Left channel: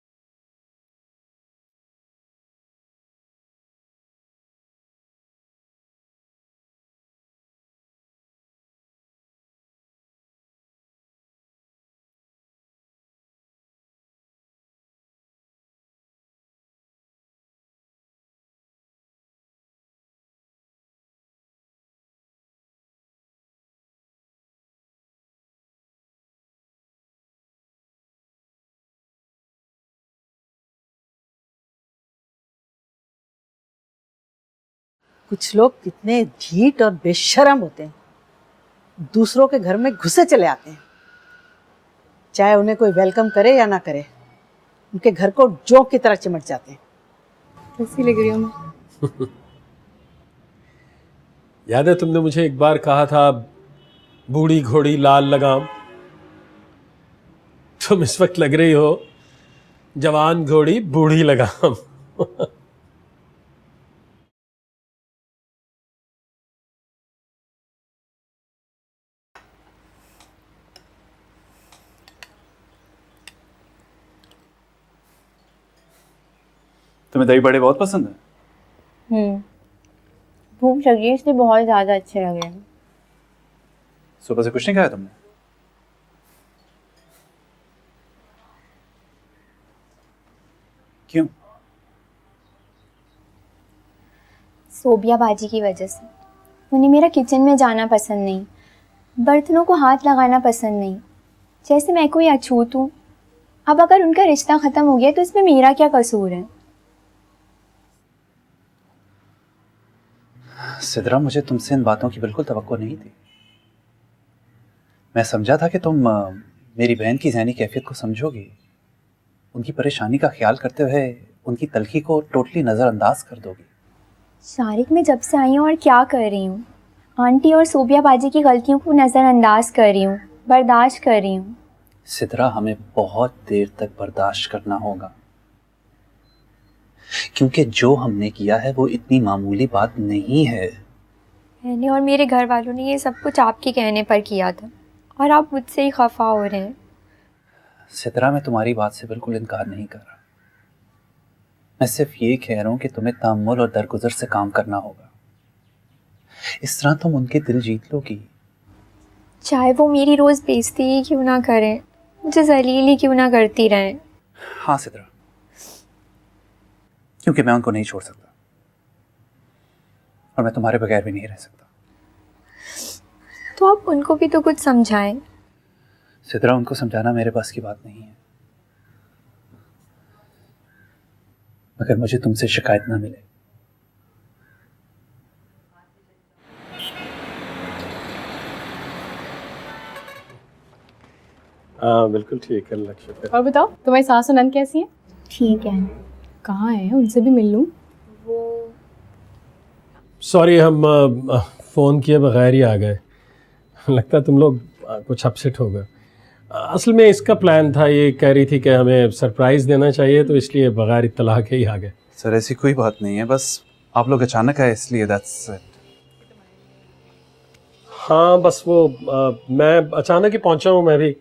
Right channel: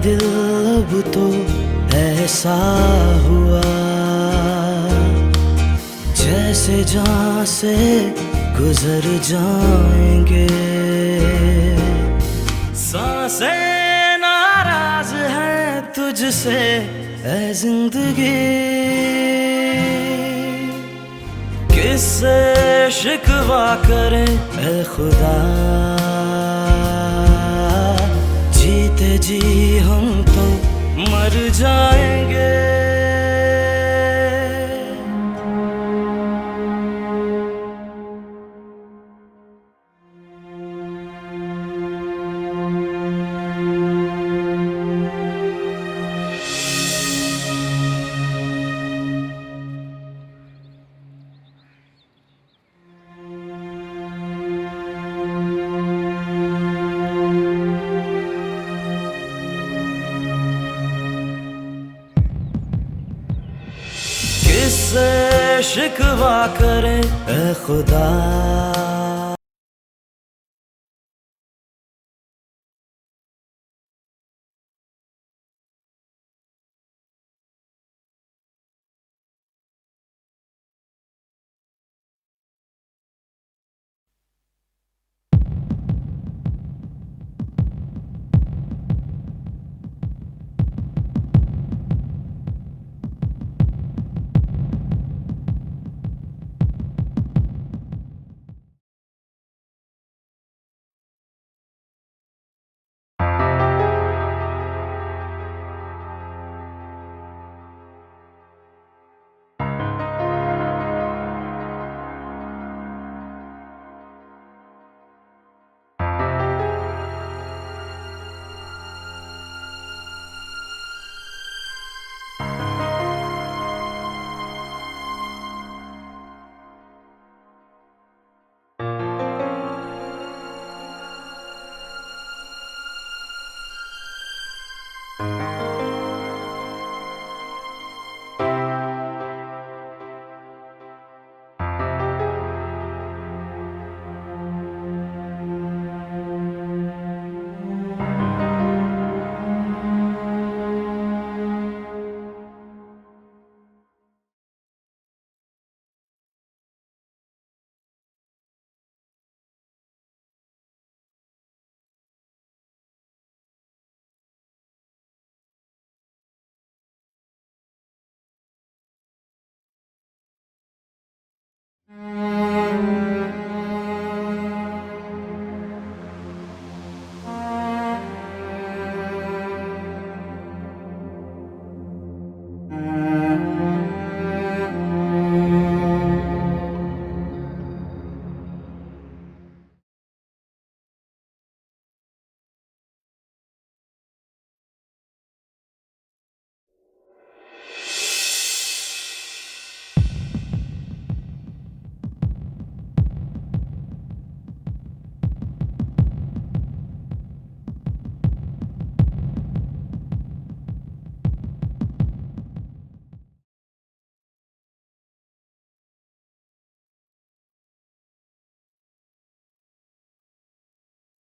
दिल अब तो ऐसा हुआ जैसे जान से गुजर जाएंगे। सांसें नाराज हैं तुझसे ऐ जिंदगी, किससे शिकवा करें ऐ खुदा, जीते जी हम तो मर जाएंगे। कुछ लोग कितने ढीठ और बेशर्म होते हैं, दूसरों के घर में घुसे चले आते हैं, चाहे उन्हें कोई वेलकम करे या ना करे, उनके घर को जोक की तरह चमक जाते हैं। खुशी लग रही है। याद है तुमने मुझे एक बार कहा था बूढ़ी घोड़ी लाल लगाम? तुम इस वक्त लग रही हो जवान घोड़ी बूढ़ी लगाम। किससे शिकवा करें ऐ खुदा। तुम्हें दही बड़े बहुत पसंद है? भूख लगी है इसलिए बहुत ज्यादा अच्छे लग रहे हैं। सुबह से कुछ नहीं खाया तुमने? क्यों? सोबिया बाजी की वजह से। उन्हें मेरा किचन में जाना पसंद नहीं, बर्तनों को हाथ लगाना पसंद नहीं, जैसे मैं कोई अछूत हूँ। अब अगर उनका रिश्ता खत्म हो गया तो इसमें मेरा क्या कसूर है? सिद्रा, मुझे तुमसे इन बातों की बिल्कुल तवक्को नहीं थी। मैं समझा था कि तुम मेरी बहन की ज़हनी कैफियत को समझोगी, उनकी परेशानी का ख्याल करते हुए उनकी तलखी को टोटली नज़रअंदाज कर दोगे। शारिक, मैं जब से आई हूँ और क्या कर रही हूँ? आंटी और सोबिया बाजी की गलतियों को नज़रअंदाज कर रही हूँ, बर्दाश्त कर रही हूँ। सिद्रा, हमें बहुत देर तक बर्दाश्त करना होगा, क्योंकि जो हमने किया है वो इतनी मामूली बात नहीं है। मैंने और मेरे घर वालों ने ये सब कुछ आपके कहने पर किया था और आप मुझसे ही खफा हो रहे हैं। सिद्रा, मैं तुम्हारी बात से बिल्कुल इनकार नहीं कर रहा। मैं सिर्फ ये कह रहा हूँ कि तुम्हें तहम्मुल और दरगुजर से काम करना होगा। इस तरह तुम उनके दिल जीत लोगी। चाहे वो मेरी रोज़ बेइज्जती ही क्यों ना करें, मुझे जलील ही क्यों ना करती रहें। हाँ सिद्रा, क्योंकि मैं उनको नहीं छोड़ सकता और मैं तुम्हारे बगैर भी नहीं रह सकता। तो आप उनको भी तो कुछ समझाएं। सिद्रा, उनको समझाना मेरे पास की बात नहीं, मगर मुझे तुमसे शिकायत ना मिले। हाँ बिल्कुल ठीक है, लक्ष्य। और बताओ तुम्हारी सास और नंद कैसी हैं? ठीक है। कहाँ है? उनसे भी मिल लूं। सॉरी, हम फ़ोन किए बगैर ही आ गए। लगता है तुम लोग कुछ अपसेट हो गए। असल में इसका प्लान था, ये कह रही थी कि हमें सरप्राइज़ देना चाहिए, तो इसलिए बगैर इत्तला के ही आ गए। सर, ऐसी कोई बात नहीं है, बस आप लोग अचानक आए इसलिए, दैट्स इट। हाँ बस वो मैं अचानक ही पहुंचा हूँ, मैं भी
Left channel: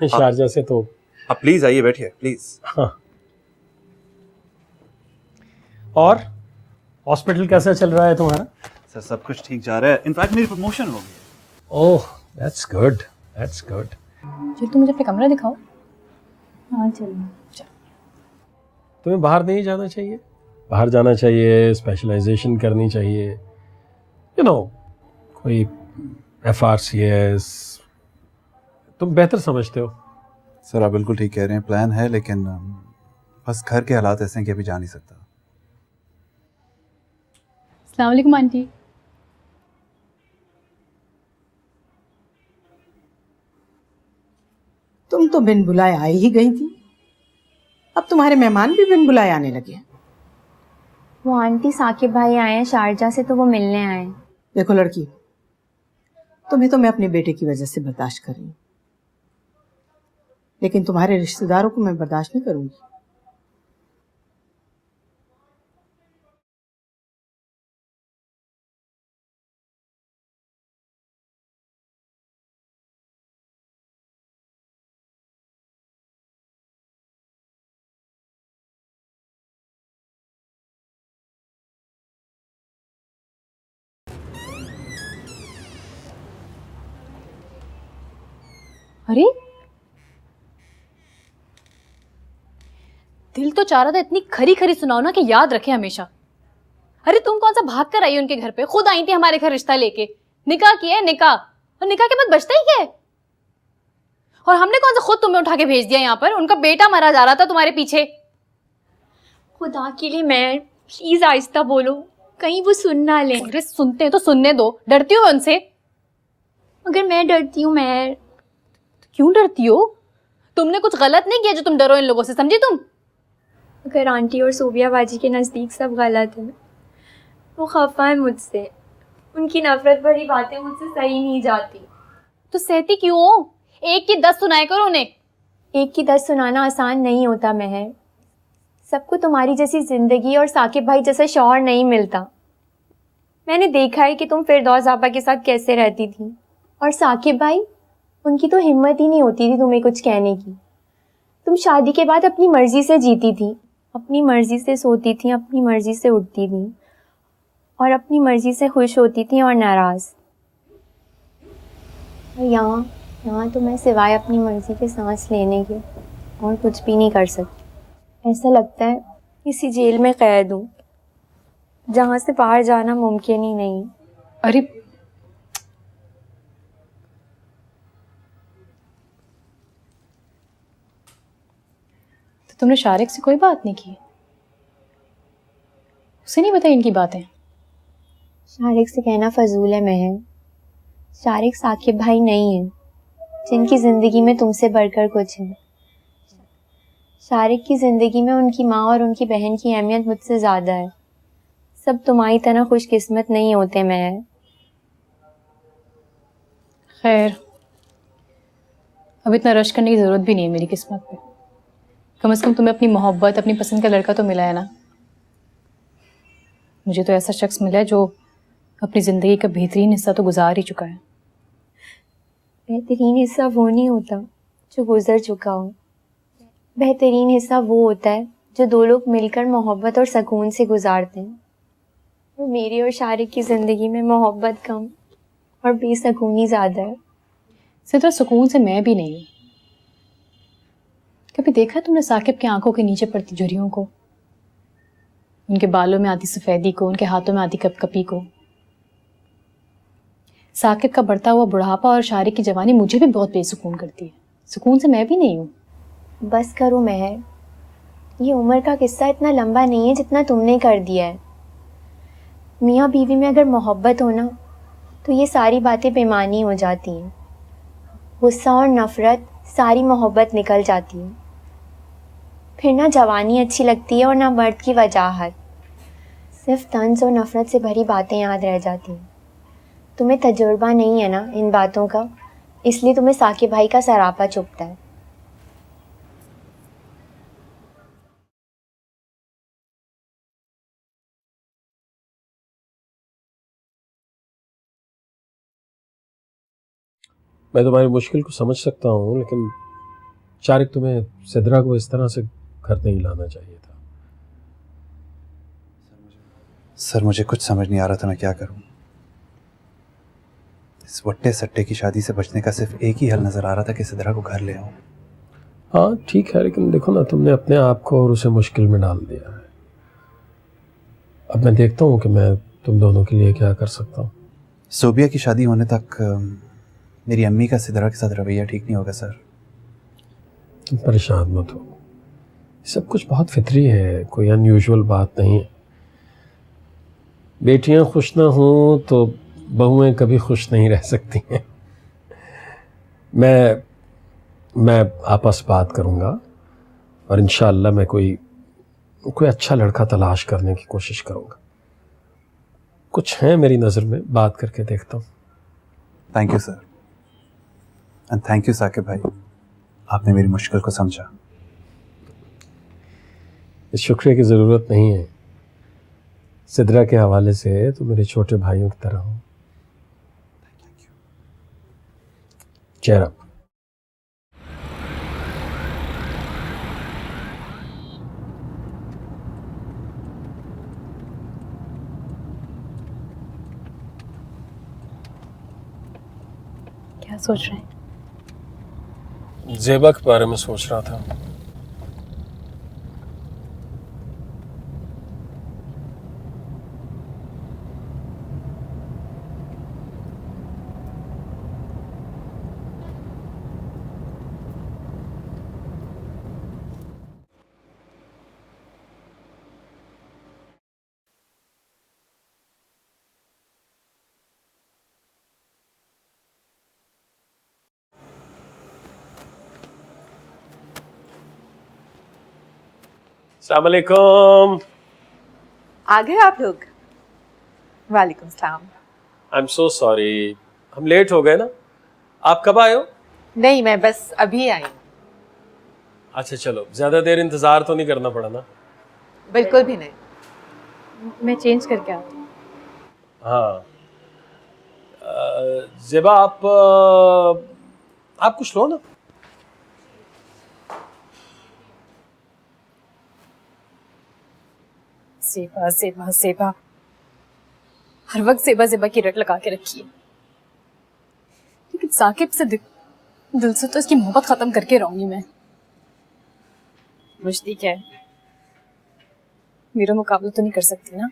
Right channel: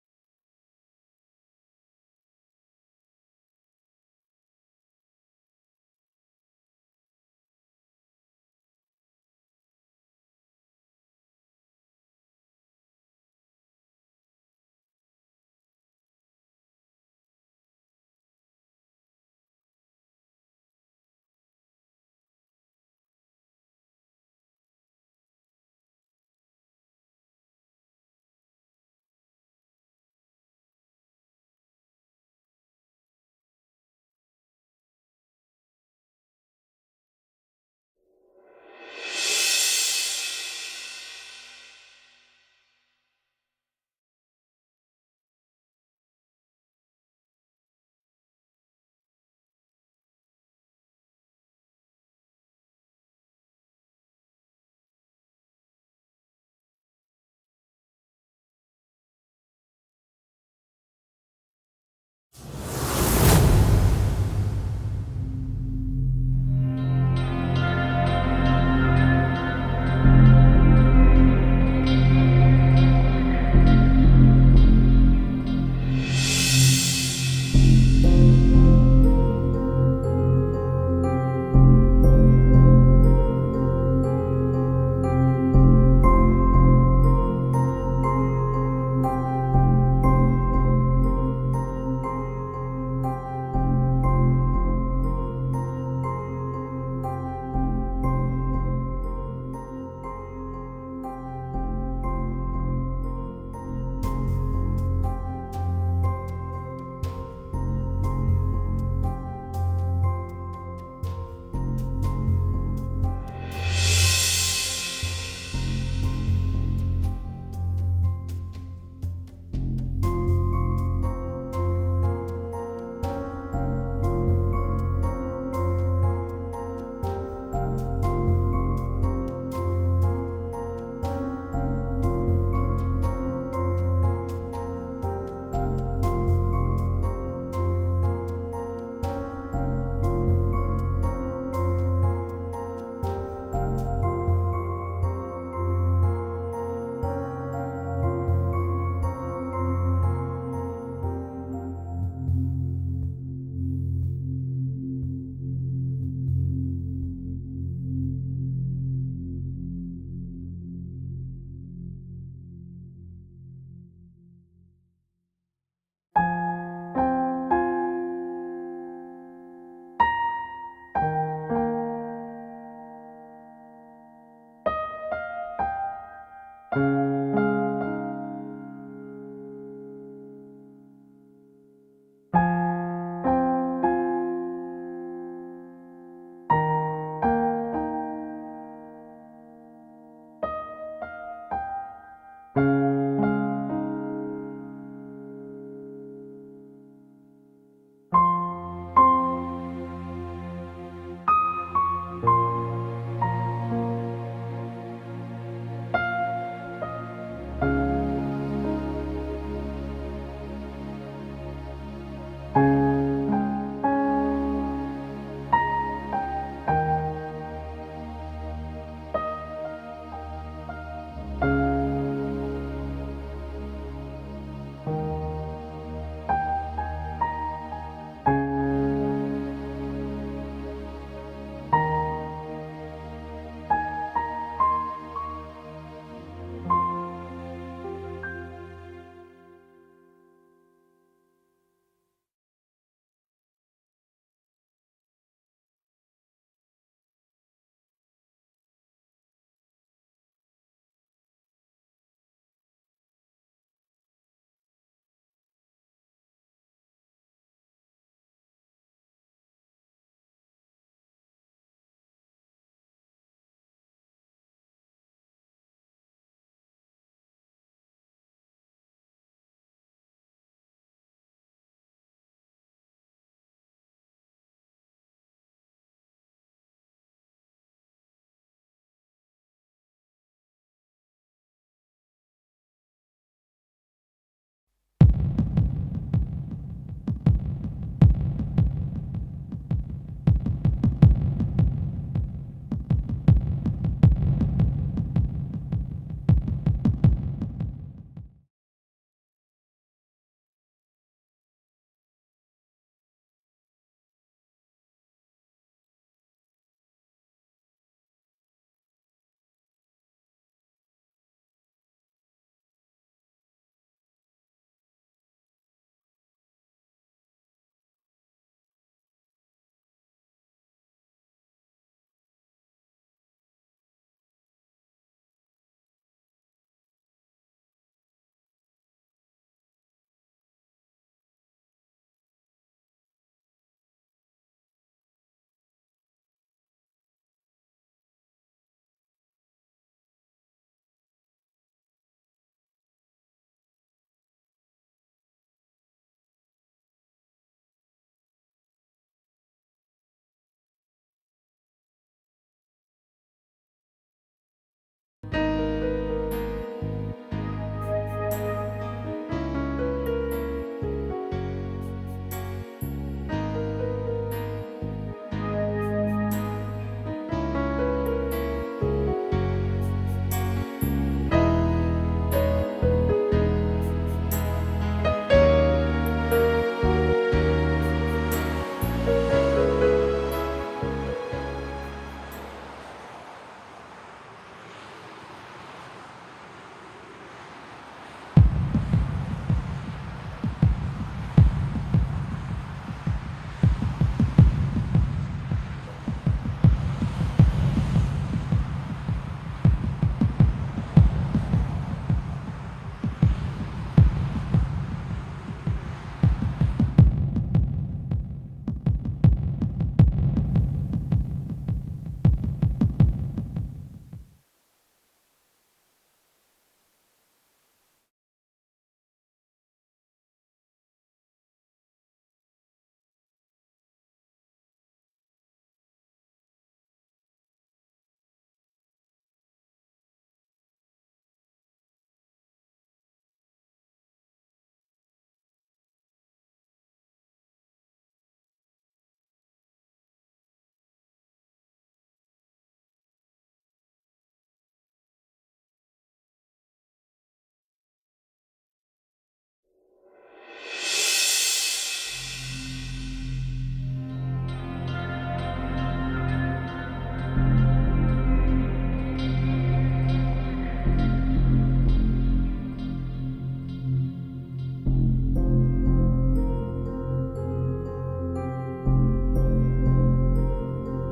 शारजा से। तो आप प्लीज़ आइए, बैठिए प्लीज़। हाँ, और हॉस्पिटल कैसा चल रहा है तुम्हारा? सर, सब कुछ ठीक जा रहा है, इनफैक्ट मेरी प्रमोशन हो गई। Oh that's good, that's good. चलो तुम मुझे अपना कमरा दिखाओ। हाँ चलो। तुम्हें बाहर नहीं जाना चाहिए? बाहर जाना चाहिए, स्पेशलाइजेशन करनी चाहिए, यू नो, कोई FRCS, तुम बेहतर समझते हो। सर, आप बिल्कुल ठीक कह रहे हैं, प्लान है, लेकिन बस घर के हालात ऐसे हैं कि अभी जा नहीं सकता। अस्सलाम वालेकुम आंटी। तुम तो बिन बुलाए आई ही गई थी, अब तुम्हारे मेहमान भी बिन बुलाए आने लगे। वो आंटी साकिब भाई आए हैं शारजा से, तो वो मिलने आए। देखो लड़की, तुम्हें तो मैं अपने बेटे की वजह से बर्दाश्त कर रही हूँ, लेकिन तुम्हारे रिश्तेदारों को मैं बर्दाश्त नहीं करूँगी। अरे दिल तो चाह रहा था इतनी खरी खरी सुनाओ ना कि याद रखे हमेशा। अरे तुम कौन सा भाग कर आई हो उनके घर पे? खुद आई थी हमारे घर रिश्ता लेके, निकाह किया है निकाह, और निकाह के बाद बचता ही क्या है? और हमने कौन सा खुद तुम्हें उठा के भेज दिया यहाँ पर? उनका बेटा मरा जा रहा था तुम्हारे पीछे। खुदा के लिए मैं, प्लीज आहिस्ता बोलो, कहीं वो सुन ना ले। अरे सुनते हैं तो सुनने दो, डरती हो उनसे? अगर मैं डरती हूँ मैं, क्यों डरती हो? तुमने कुछ गलत नहीं किया जो तुम डरो इन लोगों से, समझी तुम? अगर आंटी और सोबिया बाजी के नजदीक सब गलत है, वो खफा है मुझसे, उनकी नफरत भरी बातें मुझसे सही नहीं जाती। तो सहती क्यों हो? एक की 10 सुनाया करो उन्हें। एक की 10 सुनाना आसान नहीं होता महर। सबको तुम्हारी जैसी जिंदगी और साकिब भाई जैसा शौहर नहीं मिलता। मैंने देखा है कि तुम फिरदौस आपा के साथ कैसे रहती थी, और साकिब भाई, उनकी तो हिम्मत ही नहीं होती थी तुम्हें कुछ कहने की। तुम शादी के बाद अपनी मर्जी से जीती थी, अपनी मर्जी से सोती थी, अपनी मर्जी से उठती थी, और अपनी मर्जी से खुश होती थी और नाराज। और यहाँ तो मैं सिवाय अपनी मर्जी के सांस लेने के और कुछ भी नहीं कर सकती। ऐसा लगता है किसी जेल में कैद हूँ जहाँ से बाहर जाना मुमकिन ही नहीं। अरे तुमने शारिक से कोई बात नहीं की? उसे नहीं बताई इनकी बातें? शारिक से कहना फजूल है महर। शारिक साकिब भाई नहीं है जिनकी जिंदगी में तुमसे बढ़कर कुछ है। शारिक की जिंदगी में उनकी माँ और उनकी बहन की अहमियत मुझसे ज्यादा है। सब तुम्हारी तरह खुशकिस्मत नहीं होते महर। खैर, अब इतना रश करने की जरूरत भी नहीं है मेरी किस्मत पे। कम से कम तुम्हें अपनी मोहब्बत, अपनी पसंद का लड़का तो मिला है ना। मुझे तो ऐसा शख्स मिला है जो अपनी जिंदगी का बेहतरीन हिस्सा तो गुजार ही चुका है। बेहतरीन हिस्सा वो नहीं होता जो गुजर चुका हो। बेहतरीन हिस्सा वो होता है जो दो लोग मिलकर मोहब्बत और सुकून से गुजारते हैं। वो मेरी और शारिक की जिंदगी में मोहब्बत कम और बेसुकूनी ज्यादा है। सिर्फ सुकून से मैं भी नहीं हूँ। कभी देखा तुमने साकिब की आंखों के नीचे पड़ती झुर्रियों को, उनके बालों में आती सफेदी को, उनके हाथों में आती कपकपी को? साकिब का बढ़ता हुआ बुढ़ापा और शारिक की जवानी मुझे भी बहुत बेसुकून करती है। सुकून से मैं भी नहीं हूँ। बस करो महर, ये उम्र का किस्सा इतना लंबा नहीं है जितना तुमने कर दिया है। मियाँ बीवी में अगर मोहब्बत हो ना तो ये सारी बातें बेमानी हो जाती हैं। गुस्सा और नफरत सारी मोहब्बत निकल जाती है। फिर ना जवानी अच्छी लगती है और ना मर्द की वजाहत। सिर्फ तंज और नफरत से भरी बातें याद रह जाती हैं। तुम्हें तजुर्बा नहीं है ना इन बातों का, इसलिए तुम्हें साकिब भाई का सरापा चुभता है। मैं तुम्हारी मुश्किल को समझ सकता हूँ, लेकिन शारिक, तुम्हें सिद्रा को इस तरह से घर नहीं लाना चाहिए था। सर, मुझे कुछ समझ नहीं आ रहा था मैं क्या करूं। इस वट्टे सट्टे की शादी से बचने का सिर्फ एक ही हल नजर आ रहा था कि सिद्रा को घर ले आऊं। हाँ ठीक है, लेकिन देखो ना, तुमने अपने आप को और उसे मुश्किल में डाल दिया है। अब मैं देखता हूँ कि मैं तुम दोनों के लिए क्या कर सकता हूँ। सोबिया की शादी होने तक मेरी अम्मी का सिद्रा के साथ रवैया ठीक नहीं होगा सर। तुम परेशान मत हो, सब कुछ बहुत फितरी है, कोई अनयूजुअल बात नहीं है। बेटियां खुश ना हों तो बहुएं कभी खुश नहीं रह सकती हैं। मैं आपस बात करूँगा और इंशाअल्लाह मैं कोई अच्छा लड़का तलाश करने की कोशिश करूँगा। कुछ है मेरी नज़र में, बात करके देखता हूँ। Thank you sir, and thank you Saqib भाई, आपने मेरी मुश्किल को समझा। इस शुक्रिया की ज़रूरत नहीं है। सिद्रा के हवाले से तो मेरे छोटे भाइयों की तरह हो। चेहरा क्या सोच रहे हैं? ज़ेबा के बारे में सोच रहा था। अस्सलाम वालेकुम। आ गए आप लोग? वालेकुम सलाम। आई एम सो सॉरी, हम लेट हो गए ना। आप कब आए हो? नहीं, मैं बस अभी आई हूँ। अच्छा चलो, ज़्यादा देर इंतज़ार तो नहीं करना पड़ा ना? बिल्कुल भी नहीं। मैं चेंज करके आती हूँ। हाँ। ज़ेबा आप कुछ लो ना। सेबा सेबा सेबा, हर वक्त सेबा सेबा की रट लगा के रखी है। लेकिन साकिब से दिल से तो इसकी मोहब्बत खत्म करके रहूंगी मैं। रुश्ती क्या है, मेरा मुकाबला तो नहीं कर सकती ना।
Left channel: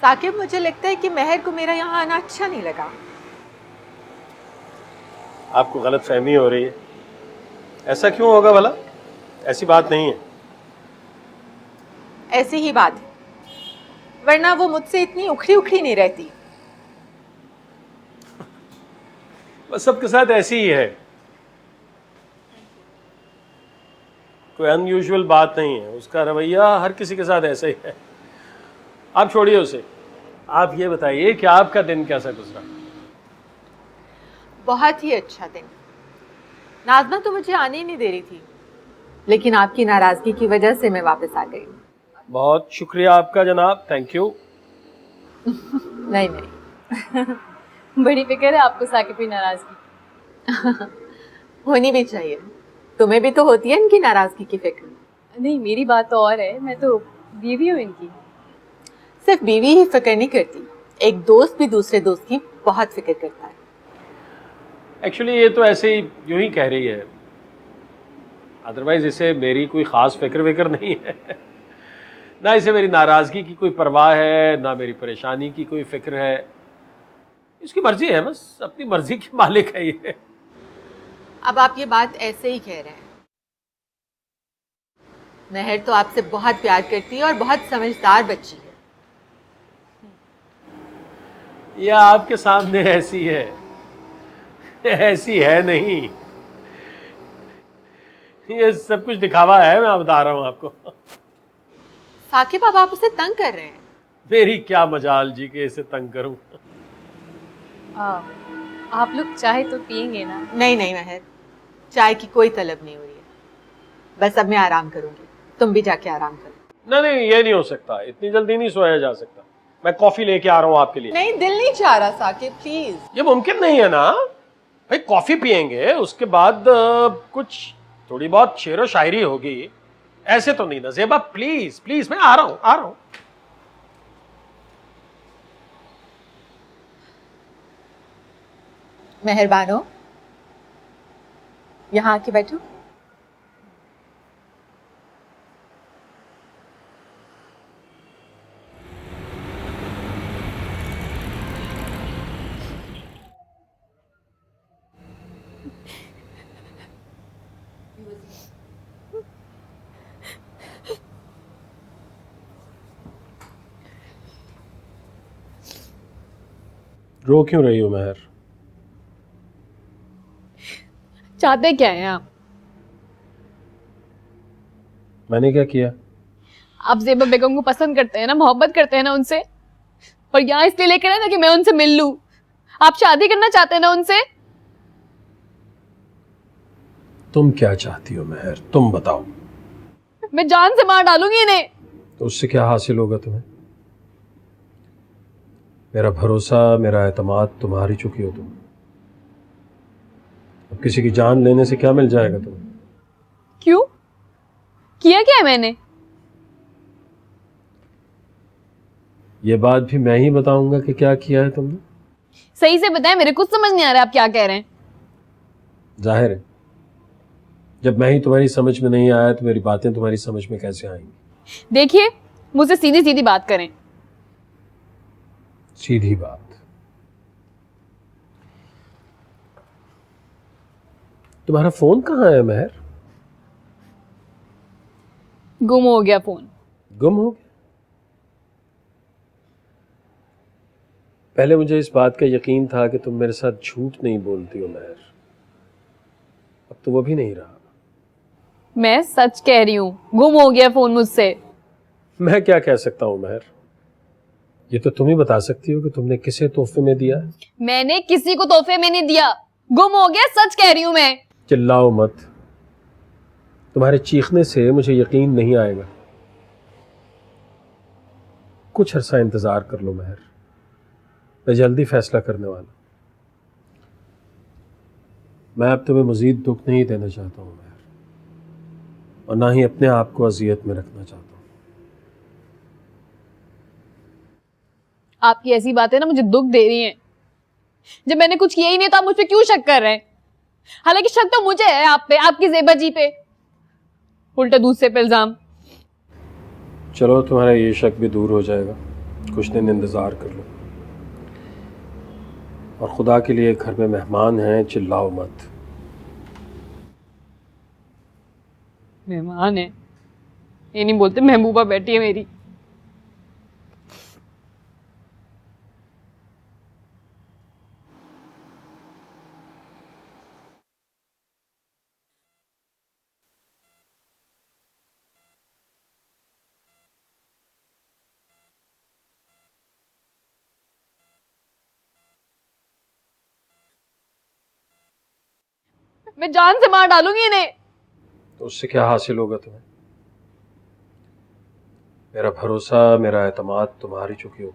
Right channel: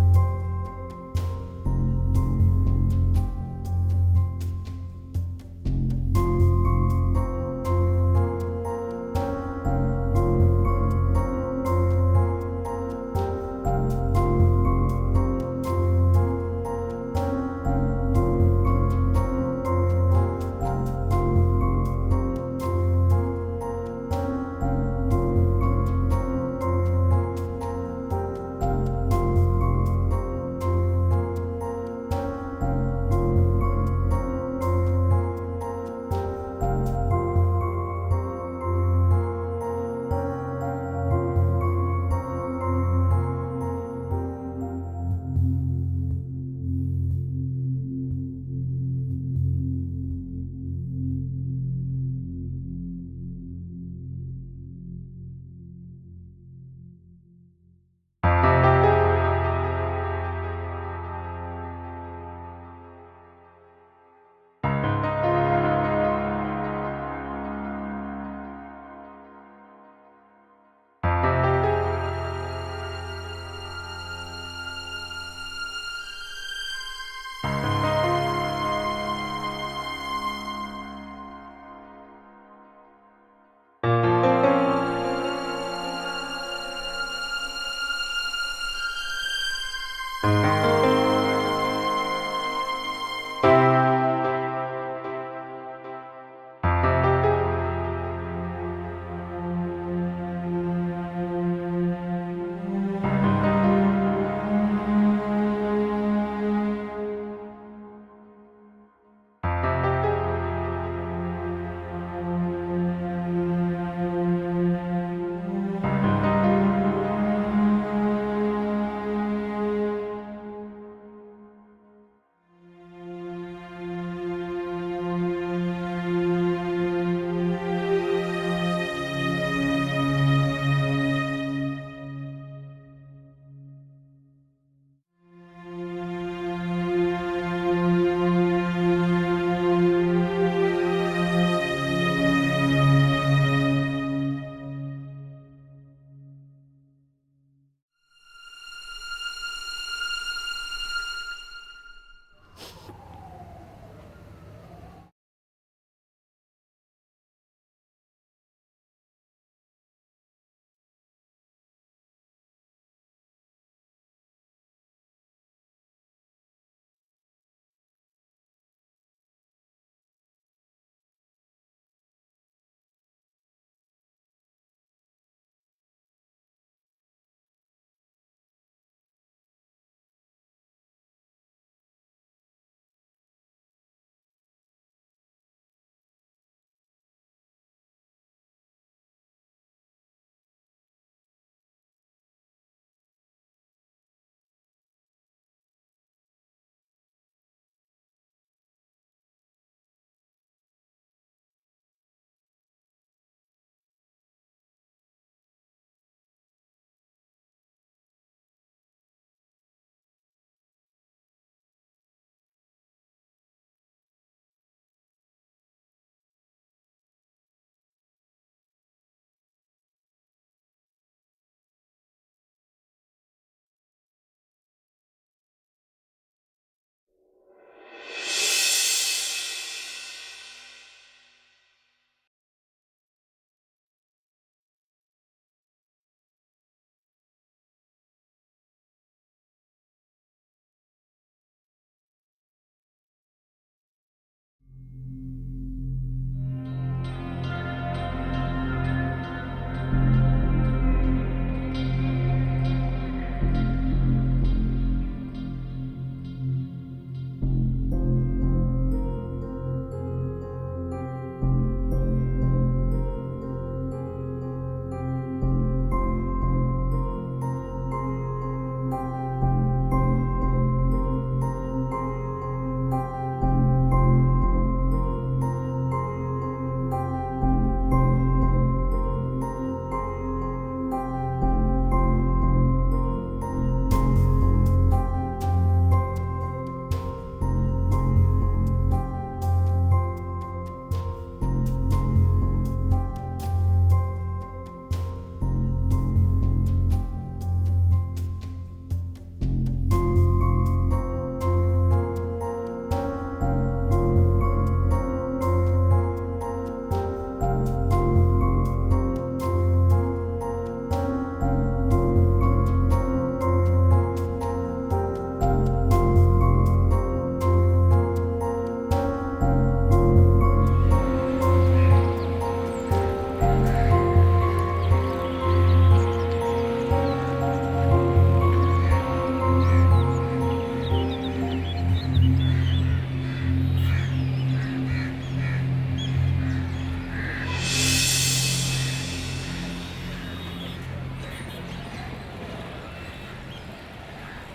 साकिब, मुझे लगता है कि महर को मेरा यहाँ आना अच्छा नहीं लगा। आपको गलत फहमी हो रही है। ऐसा क्यों होगा भला? ऐसी बात नहीं है। ऐसी ही बात है, वरना वो मुझसे इतनी उखड़ी उखड़ी नहीं रहती। बस सबके साथ ऐसी ही है, कोई अनयूजुअल बात नहीं है। उसका रवैया हर किसी के साथ ऐसा ही है। आप छोड़िए उसे, आप ये बताइए कि आपका दिन कैसा गुजरा? बहुत ही अच्छा दिन। नाज़मा तो मुझे आने ही नहीं दे रही थी, लेकिन आपकी नाराजगी की वजह से मैं वापस आ गई। बहुत शुक्रिया आपका जनाब, थैंक यू। नहीं नहीं, बड़ी फिक्र है आपको साकिब की नाराजगी। होनी भी चाहिए। तुम्हें भी तो होती है इनकी नाराजगी की फिक्र। नहीं, मेरी बात तो और है, मैं तो बीवी हूँ इनकी। सिर्फ बीवी ही फिक्र नहीं करती, एक दोस्त भी दूसरे दोस्त की बहुत फिक्र करता है। एक्चुअली ये तो ऐसे ही यूं ही कह रही है, अदरवाइज इसे मेरी कोई खास फिक्र नहीं है। ना इसे मेरी नाराजगी की कोई परवाह है, ना मेरी परेशानी की कोई फिक्र है। उसकी मर्जी है, बस अपनी मर्जी की मालिक है ये। अब आप ये बात ऐसे ही कह रहे हैं। महर तो आपसे बहुत प्यार करती है और बहुत समझदार बच्ची है। ये आपके सामने ऐसी है, ऐसी है नहीं। ये सब कुछ दिखावा है, मैं बता रहा हूँ आपको। साकिब, अब आप उसे तंग कर रहे हैं। मेरी क्या मजाल जी के इसे तंग करूं। आप लोग चाहे तो पिएंगे ना? नहीं नहीं महर, चाय की कोई तलब नहीं। बस अब मैं आराम करूंगी, तुम भी जाके आराम करो। नहीं, ये नहीं हो सकता, इतनी जल्दी नहीं सोया जा सकता। मैं कॉफी लेके आ रहा हूँ आपके लिए। नहीं, दिल नहीं चाह रहा साकिब, प्लीज। ये मुमकिन नहीं है ना भाई। कॉफी पियेंगे, उसके बाद कुछ थोड़ी बहुत शेरो शायरी होगी। ऐसे तो नहीं ना ज़ेबा, प्लीज प्लीज, मैं आ रहा हूँ। मेहरबान हो, यहाँ आके बैठो। रो क्यों रही हो महर? चाहते क्या हैं आप? मैंने क्या किया? आप ज़ेबा बेगम को पसंद करते हैं ना, मोहब्बत करते हैं ना उनसे, और यहाँ इसलिए लेकर आए ना कि मैं उनसे मिल लूं। आप शादी करना चाहते हैं ना उनसे? तुम क्या चाहती हो महर, तुम बताओ। मैं जान से मार डालूंगी इन्हें। तो उससे क्या हासिल होगा तुम्हें? मेरा भरोसा, मेरा एतमाद तुम हार ही चुकी हो। तुम अब किसी की जान लेने से क्या मिल जाएगा तुम्हें? क्यों? किया क्या है मैंने? ये बात भी मैं ही बताऊंगा कि क्या किया है तुमने? सही से बताएं, मेरे कुछ समझ नहीं आ रहा आप क्या कह रहे हैं। जाहिर है, जब मैं ही तुम्हारी समझ में नहीं आया तो मेरी बातें तुम्हारी समझ में कैसे आएंगी? देखिए, मुझसे सीधी सीधी बात करें। सीधी बात। तुम्हारा फोन कहाँ है महर? गुम हो गया फोन। गुम हो गया? पहले मुझे इस बात का यकीन था कि तुम मेरे साथ झूठ नहीं बोलती हो महर, अब तो वो भी नहीं रहा। मैं सच कह रही हूँ, गुम हो गया फोन मुझसे। मैं क्या कह सकता हूँ महर, ये तो तुम ही बता सकती हो कि तुमने किसे तोहफे में दिया। मैंने किसी को तोहफे में नहीं दिया, गुम हो गया, सच कह रही हूँ मैं। चिल्लाओ मत, तुम्हारे चीखने से मुझे यकीन नहीं आएगा। कुछ अरसा इंतजार कर लो महर, मैं जल्दी फैसला करने वाला हूं। मैं अब तुम्हें मजीद दुख नहीं देना चाहता हूं और ना ही अपने आप को अजियत में रखना चाहता हूं। आपकी ऐसी बातें ना मुझे दुख दे रही हैं। जब मैंने कुछ किया ही नहीं तो आप मुझ पे क्यों शक कर रहे हैं? हालांकि शक तो मुझे है आप पे, आपकी ज़ेबा जी पे। उल्टा दूसरे पे इल्जाम। चलो, तुम्हारा ये शक भी दूर हो जाएगा, कुछ दिन इंतजार कर लो। और खुदा के लिए घर में मेहमान हैं, चिल्लाओ मत। मेहमान है ये नहीं बोलते, महबूबा बैठी है मेरी। मैं जान से मार डालूंगी इन्हें। उससे क्या हासिल होगा तुम्हें? मेरा भरोसा, मेरा एतमाद तुम हार ही चुकी हो।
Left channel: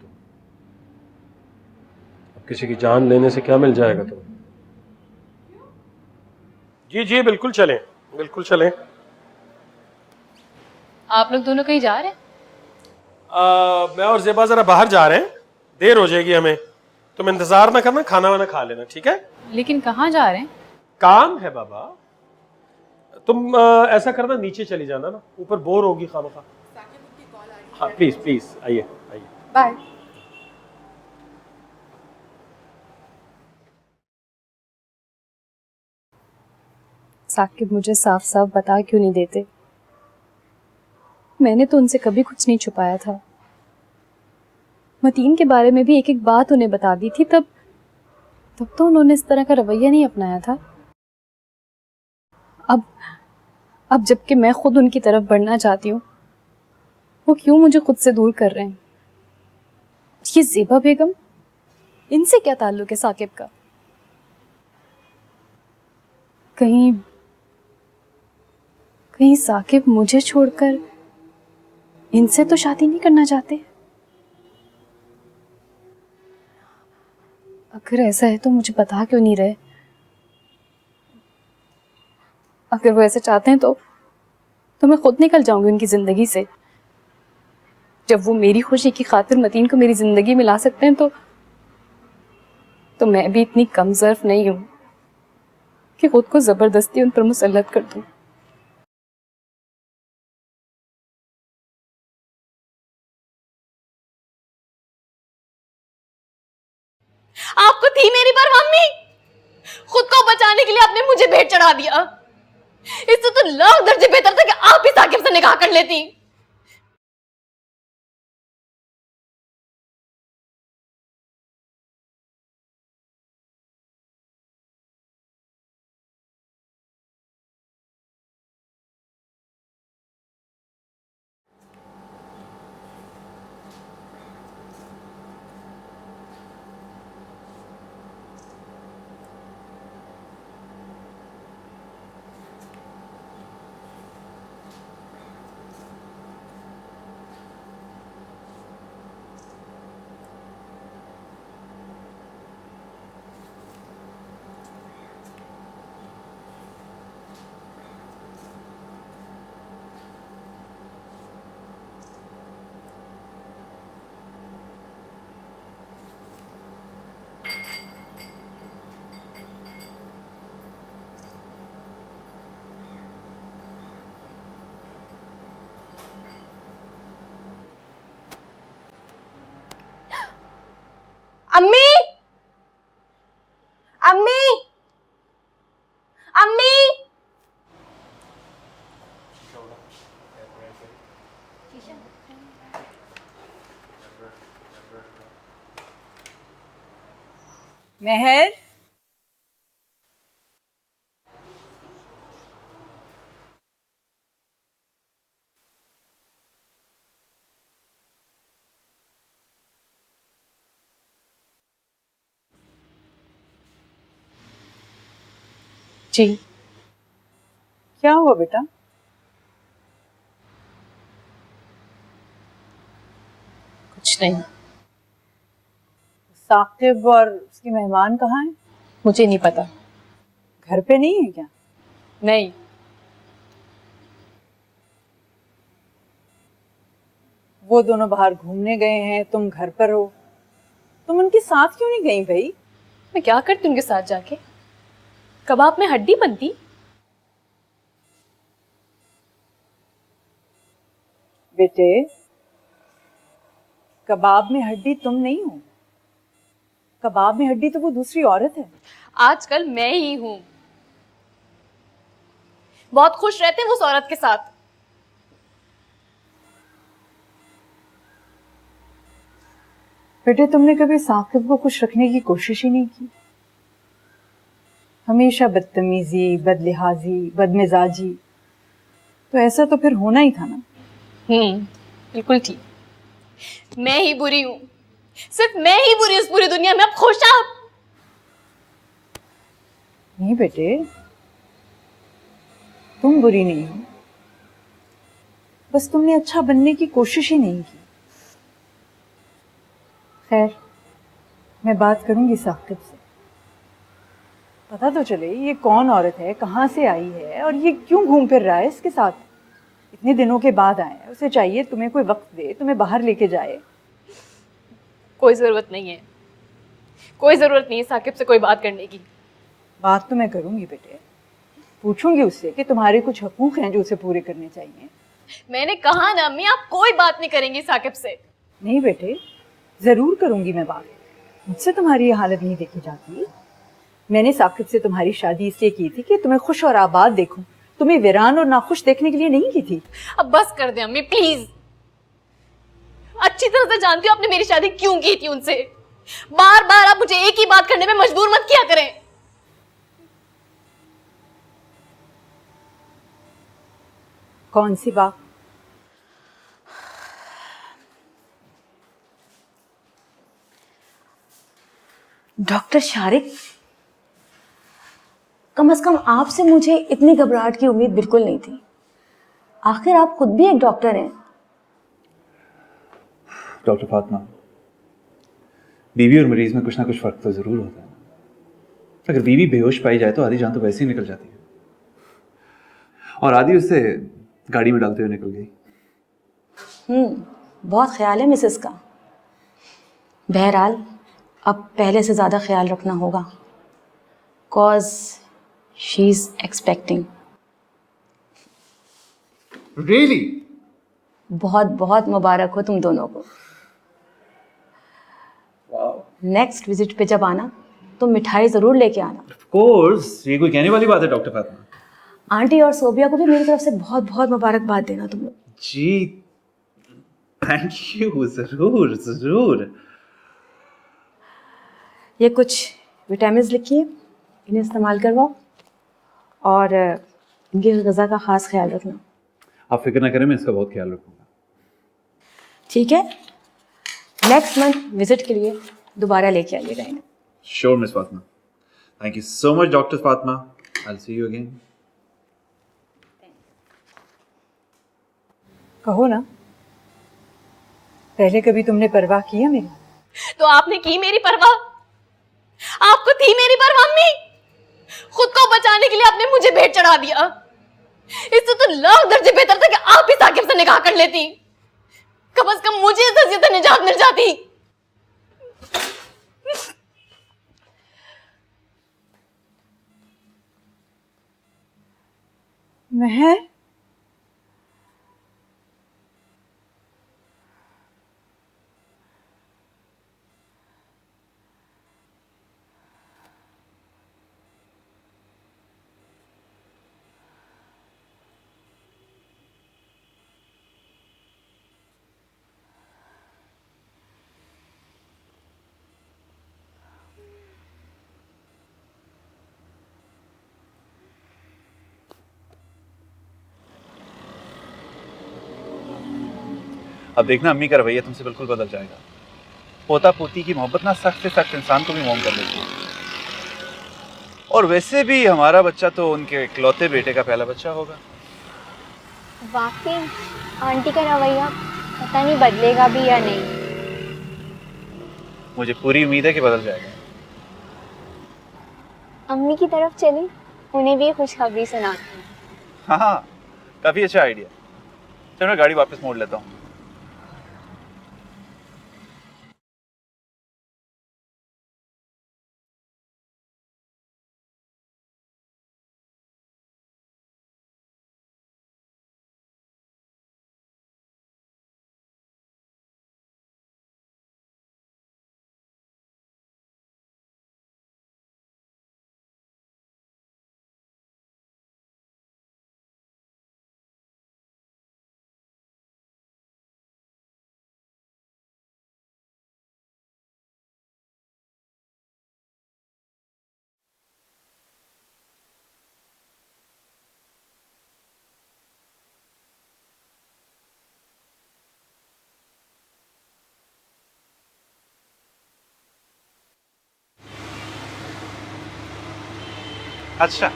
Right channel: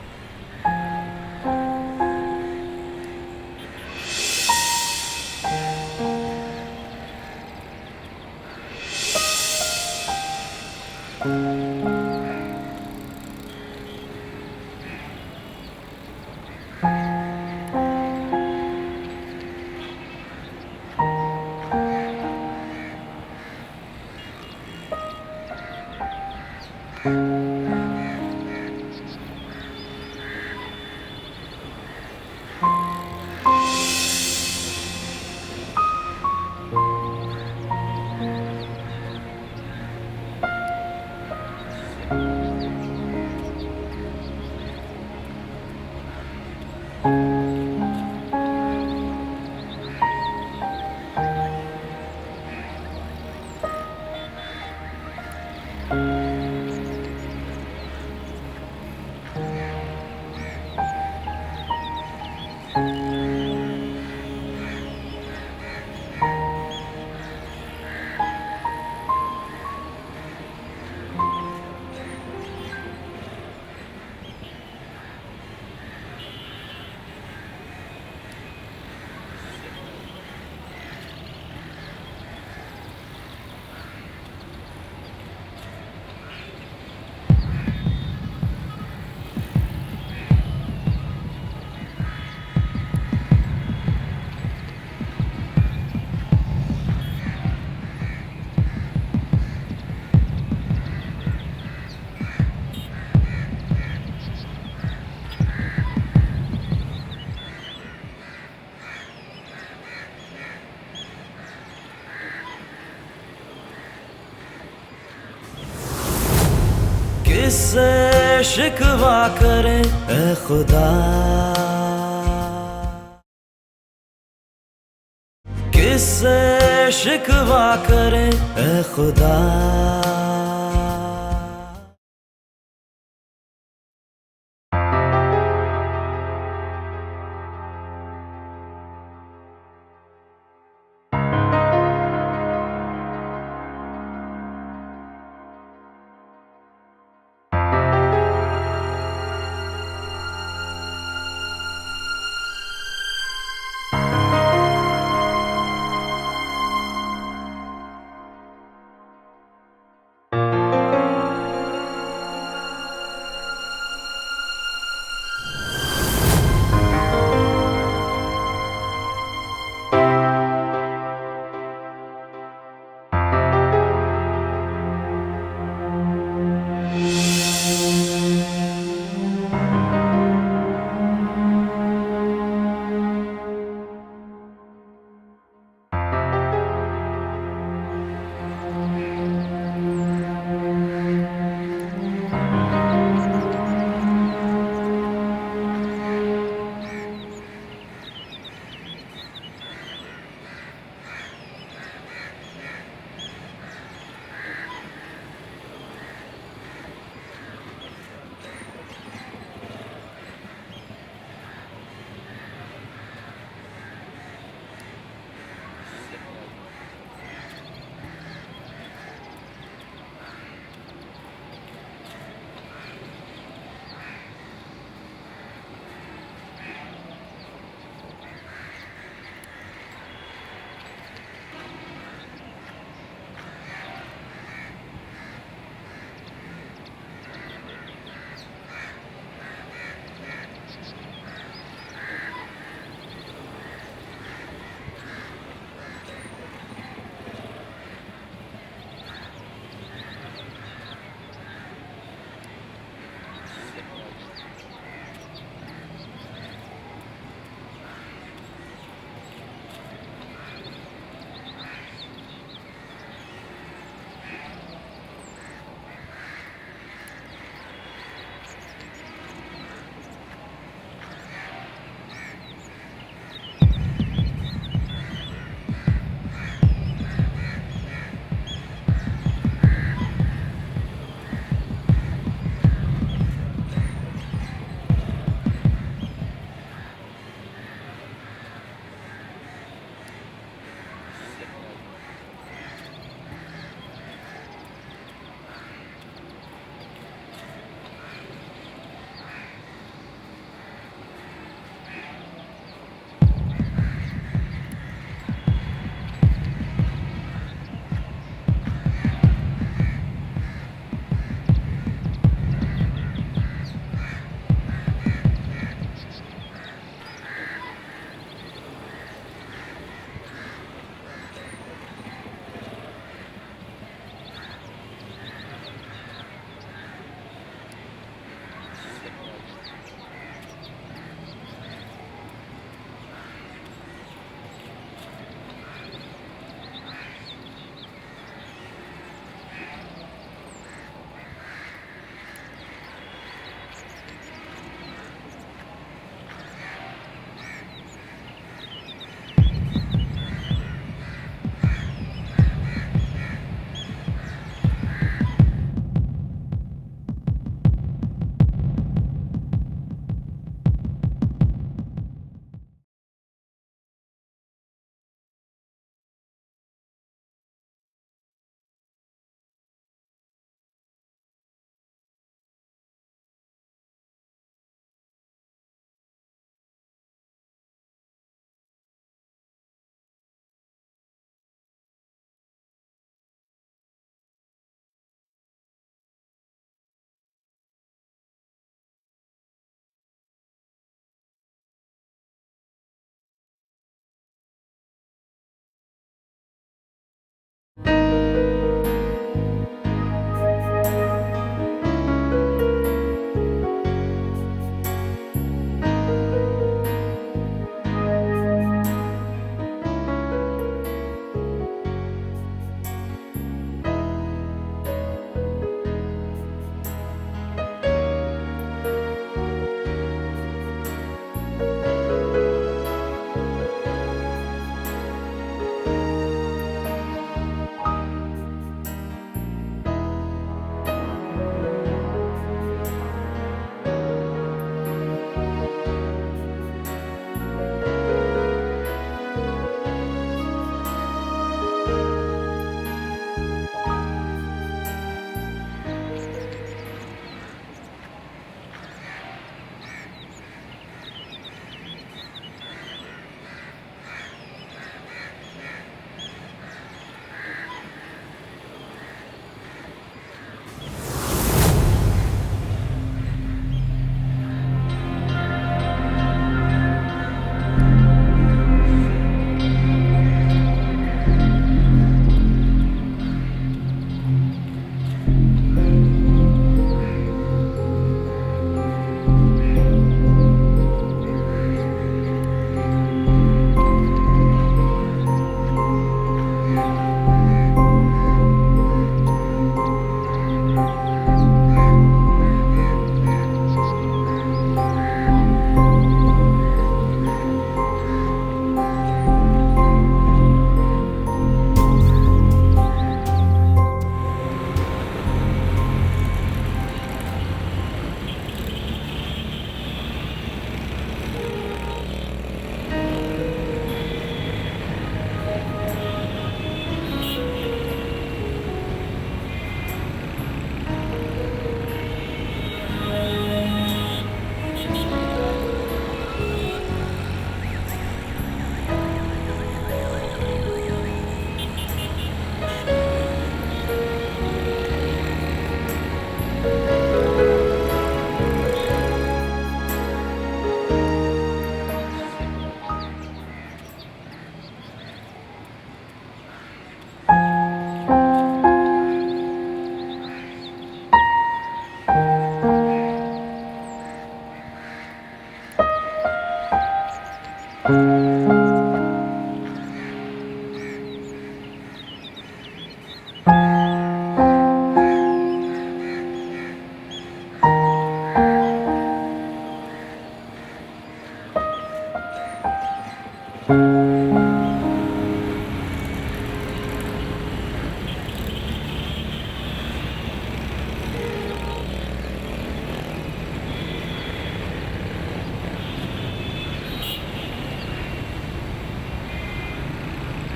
किसी की जान लेने से क्या मिल जाएगा तुम्हें? जी जी, बिल्कुल चलें, बिल्कुल चलें। आप लोग दोनों कहीं जा रहे हैं? मैं और ज़ेबा जरा बाहर जा रहे हैं, देर हो जाएगी हमें। तुम इंतजार ना करना, खाना वाना खा लेना, ठीक है? लेकिन कहाँ जा रहे हैं? काम है बाबा। तुम ऐसा करना, नीचे चली जाना ना, ऊपर बोर होगी खाना खा। हाँ प्लीज प्लीज आइए। बाय। साकिब मुझे साफ साफ बता क्यों नहीं देते? मैंने तो उनसे कभी कुछ नहीं छुपाया था। मतीन के बारे में भी एक एक बात उन्हें बता दी थी, तब तो उन्होंने इस तरह का रवैया नहीं अपनाया था। अब जबकि मैं खुद उनकी तरफ बढ़ना चाहती हूँ, वो क्यों मुझे खुद से दूर कर रहे हैं? ये ज़ेबा बेगम, इनसे क्या ताल्लुक है साकिब का? कहीं साकिब मुझे छोड़कर इनसे तो शादी नहीं करना चाहते? अगर ऐसा है तो मुझे बता क्यों नहीं रहे? अगर वो ऐसे चाहते हैं तो मैं खुद निकल जाऊंगी उनकी ज़िंदगी से। जब वो मेरी खुशी की खातिर मतीन को मेरी ज़िंदगी में ला सकते हैं तो मैं भी इतनी कमज़र्फ नहीं हूँ कि खुद को ज़बरदस्ती उन पर मुसल्लत कर दूँ। आपको थी मेरी परवाह मम्मी, खुद को बचाने के लिए आपने मुझे भेंट चढ़ा दिया। इससे तो लाख दर्जे बेहतर था कि आप ही साकिब से निकाह कर लेती। किससे शिकवा करे ए खुदा, किससे शिकवा करे ए खुदा। अम्मी, अम्मी, अम्मी। मेहर, जी क्या हुआ बेटा? कुछ नहीं, साकिब और उसके मेहमान कहाँ हैं? मुझे नहीं पता। घर पे नहीं है क्या? नहीं, वो दोनों बाहर घूमने गए हैं, तुम घर पर हो। तुम उनके साथ क्यों नहीं गई भाई? मैं क्या करती उनके साथ जाके? कबाब में हड्डी बनती। बेटे, कबाब में हड्डी तुम नहीं हो। कबाब में हड्डी तो वो दूसरी औरत है। आजकल मैं ही हूँ। बहुत खुश रहते हैं वो उस औरत के साथ। बेटे, तुमने कभी साकिब को खुश रखने की कोशिश ही नहीं की। हमेशा बदतमीजी, बदलिहाजी, बदमिजाजी। तो ऐसा तो फिर होना ही था ना। बिल्कुल ठीक। मैं ही बुरी हूँ, सिर्फ मैं ही बुरी उस पूरी दुनिया में। अब खुश आप? नहीं बेटे, तुम बुरी नहीं हो, बस तुमने अच्छा बनने की कोशिश ही नहीं की। खैर, मैं बात करूंगी साकिब से। पता तो चले ये कौन औरत है, कहाँ से आई है और ये क्यों घूम फिर रहा है इसके साथ। इतने दिनों के बाद आए, उसे चाहिए तुम्हें कोई वक्त दे, तुम्हें बाहर लेके जाए। कोई ज़रूरत नहीं है, कोई ज़रूरत नहीं है साकिब से कोई बात करने की। बात तो मैं करूंगी बेटे, पूछूंगी उससे कि तुम्हारे कुछ हकूक हैं जो उसे पूरे करने चाहिए। मैंने कहा ना अम्मी, आप कोई बात नहीं करेंगी साकिब से। नहीं बेटे, ज़रूर करूंगी मैं बात। मुझसे तुम्हारी ये हालत नहीं देखी जाती। मैंने साकिब से तुम्हारी शादी इसलिए की थी कि तुम्हें खुश और आबाद देखूं, तुम्हें वीरान और नाखुश देखने के लिए नहीं की थी। अब बस कर दे अम्मी प्लीज। अच्छी तरह से जानती हूँ आपने मेरी शादी क्यों की थी उनसे। बार बार आप मुझे एक ही बात करने में मजबूर मत किया करें। कौन सी बात? डॉक्टर शारिक, कम से कम आपसे मुझे इतनी घबराहट की उम्मीद बिल्कुल नहीं थी। आखिर आप खुद भी एक डॉक्टर हैं। डॉक्टर फातिमा, बीवी और मरीज में कुछ ना कुछ फर्क तो जरूर होता है। अगर बीवी बेहोश पाई जाए तो आधी जान तो वैसे ही निकल जाती है, और आधी उससे गाड़ी में डालते हुए निकल गई। बहुत ख्याल है मिसेस का। बहरहाल अब पहले से ज़्यादा ख्याल रखना होगा, cause she is expecting. Really? बहुत बहुत मुबारक हो तुम दोनों को। नेक्स्ट विजिट पे जब आना तो मिठाई ज़रूर लेके आना। कोर्स, ये कोई कहने वाली बात है डॉक्टर फातिमा। आंटी और सोबिया को भी मेरी तरफ से बहुत बहुत मुबारकबाद देना तुम। जी थैंक यू, जरूर जरूर। ये कुछ विटामिन लिखिए, इन्हें इस्तेमाल करवाओ और इनकी ग़िज़ा का ख़ास ख्याल रखें। आप फिक्र ना करें, मैं इसका बहुत ख्याल रखूंगा। ठीक है, नेक्स्ट मंथ विजिट के लिए दोबारा लेके आइए रहें। Sure Miss Fatima, thank you so much doctor Fatima. I see you again. कहो ना, पहले कभी तुमने परवाह की है मेरी? तो आपने की मेरी परवाह? आपको थी मेरी परवाह अम्मी? खुद को बचाने के लिए आपने मुझे भेंट चढ़ा दिया। इससे तो लाख दर्जे बेहतर था कि आप ही साकिब से निकाह कर लेती। कम से कम मुझे इस अज़ियत से निजात मिल जाती। मैं अब देखना अम्मी का रवैया तुमसे बिल्कुल बदल जाएगा। पोता पोती की मोहब्बत ना सख्त से सख्त इंसान को भी मोम कर देती है। और वैसे भी हमारा बच्चा तो उनके इकलौते बेटे का पहला बच्चा होगा। वाकई आंटी का रवैया पता नहीं बदलेगा भी या नहीं। मुझे पूरी उम्मीद है कि बदल जाएगा। अम्मी की तरफ चली, उन्हें भी खुशखबरी सुना। हाँ, काफी अच्छा आइडिया। चलो मैं गाड़ी वापस मोड़ लेता हूँ। अच्छा,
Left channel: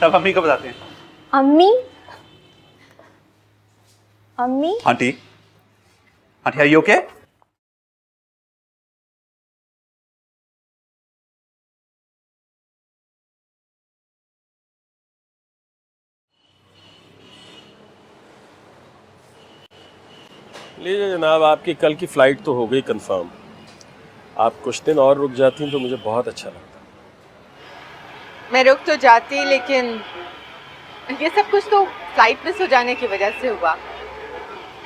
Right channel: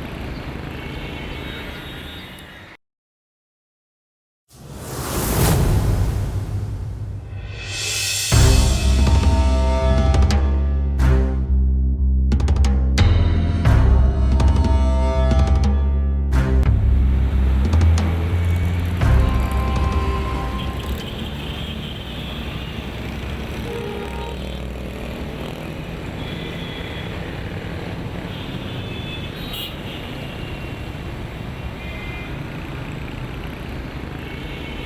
तब अम्मी को बताते हैं। अम्मी अम्मी aunty, aunty are you okay? लीजिए जनाब, आपकी कल की फ़्लाइट तो हो गई कंफर्म। आप कुछ दिन और रुक जाती हैं तो मुझे बहुत अच्छा लगता। मैं रुक तो जाती, लेकिन ये सब कुछ तो फ्लाइट मिस हो जाने की वजह से हुआ।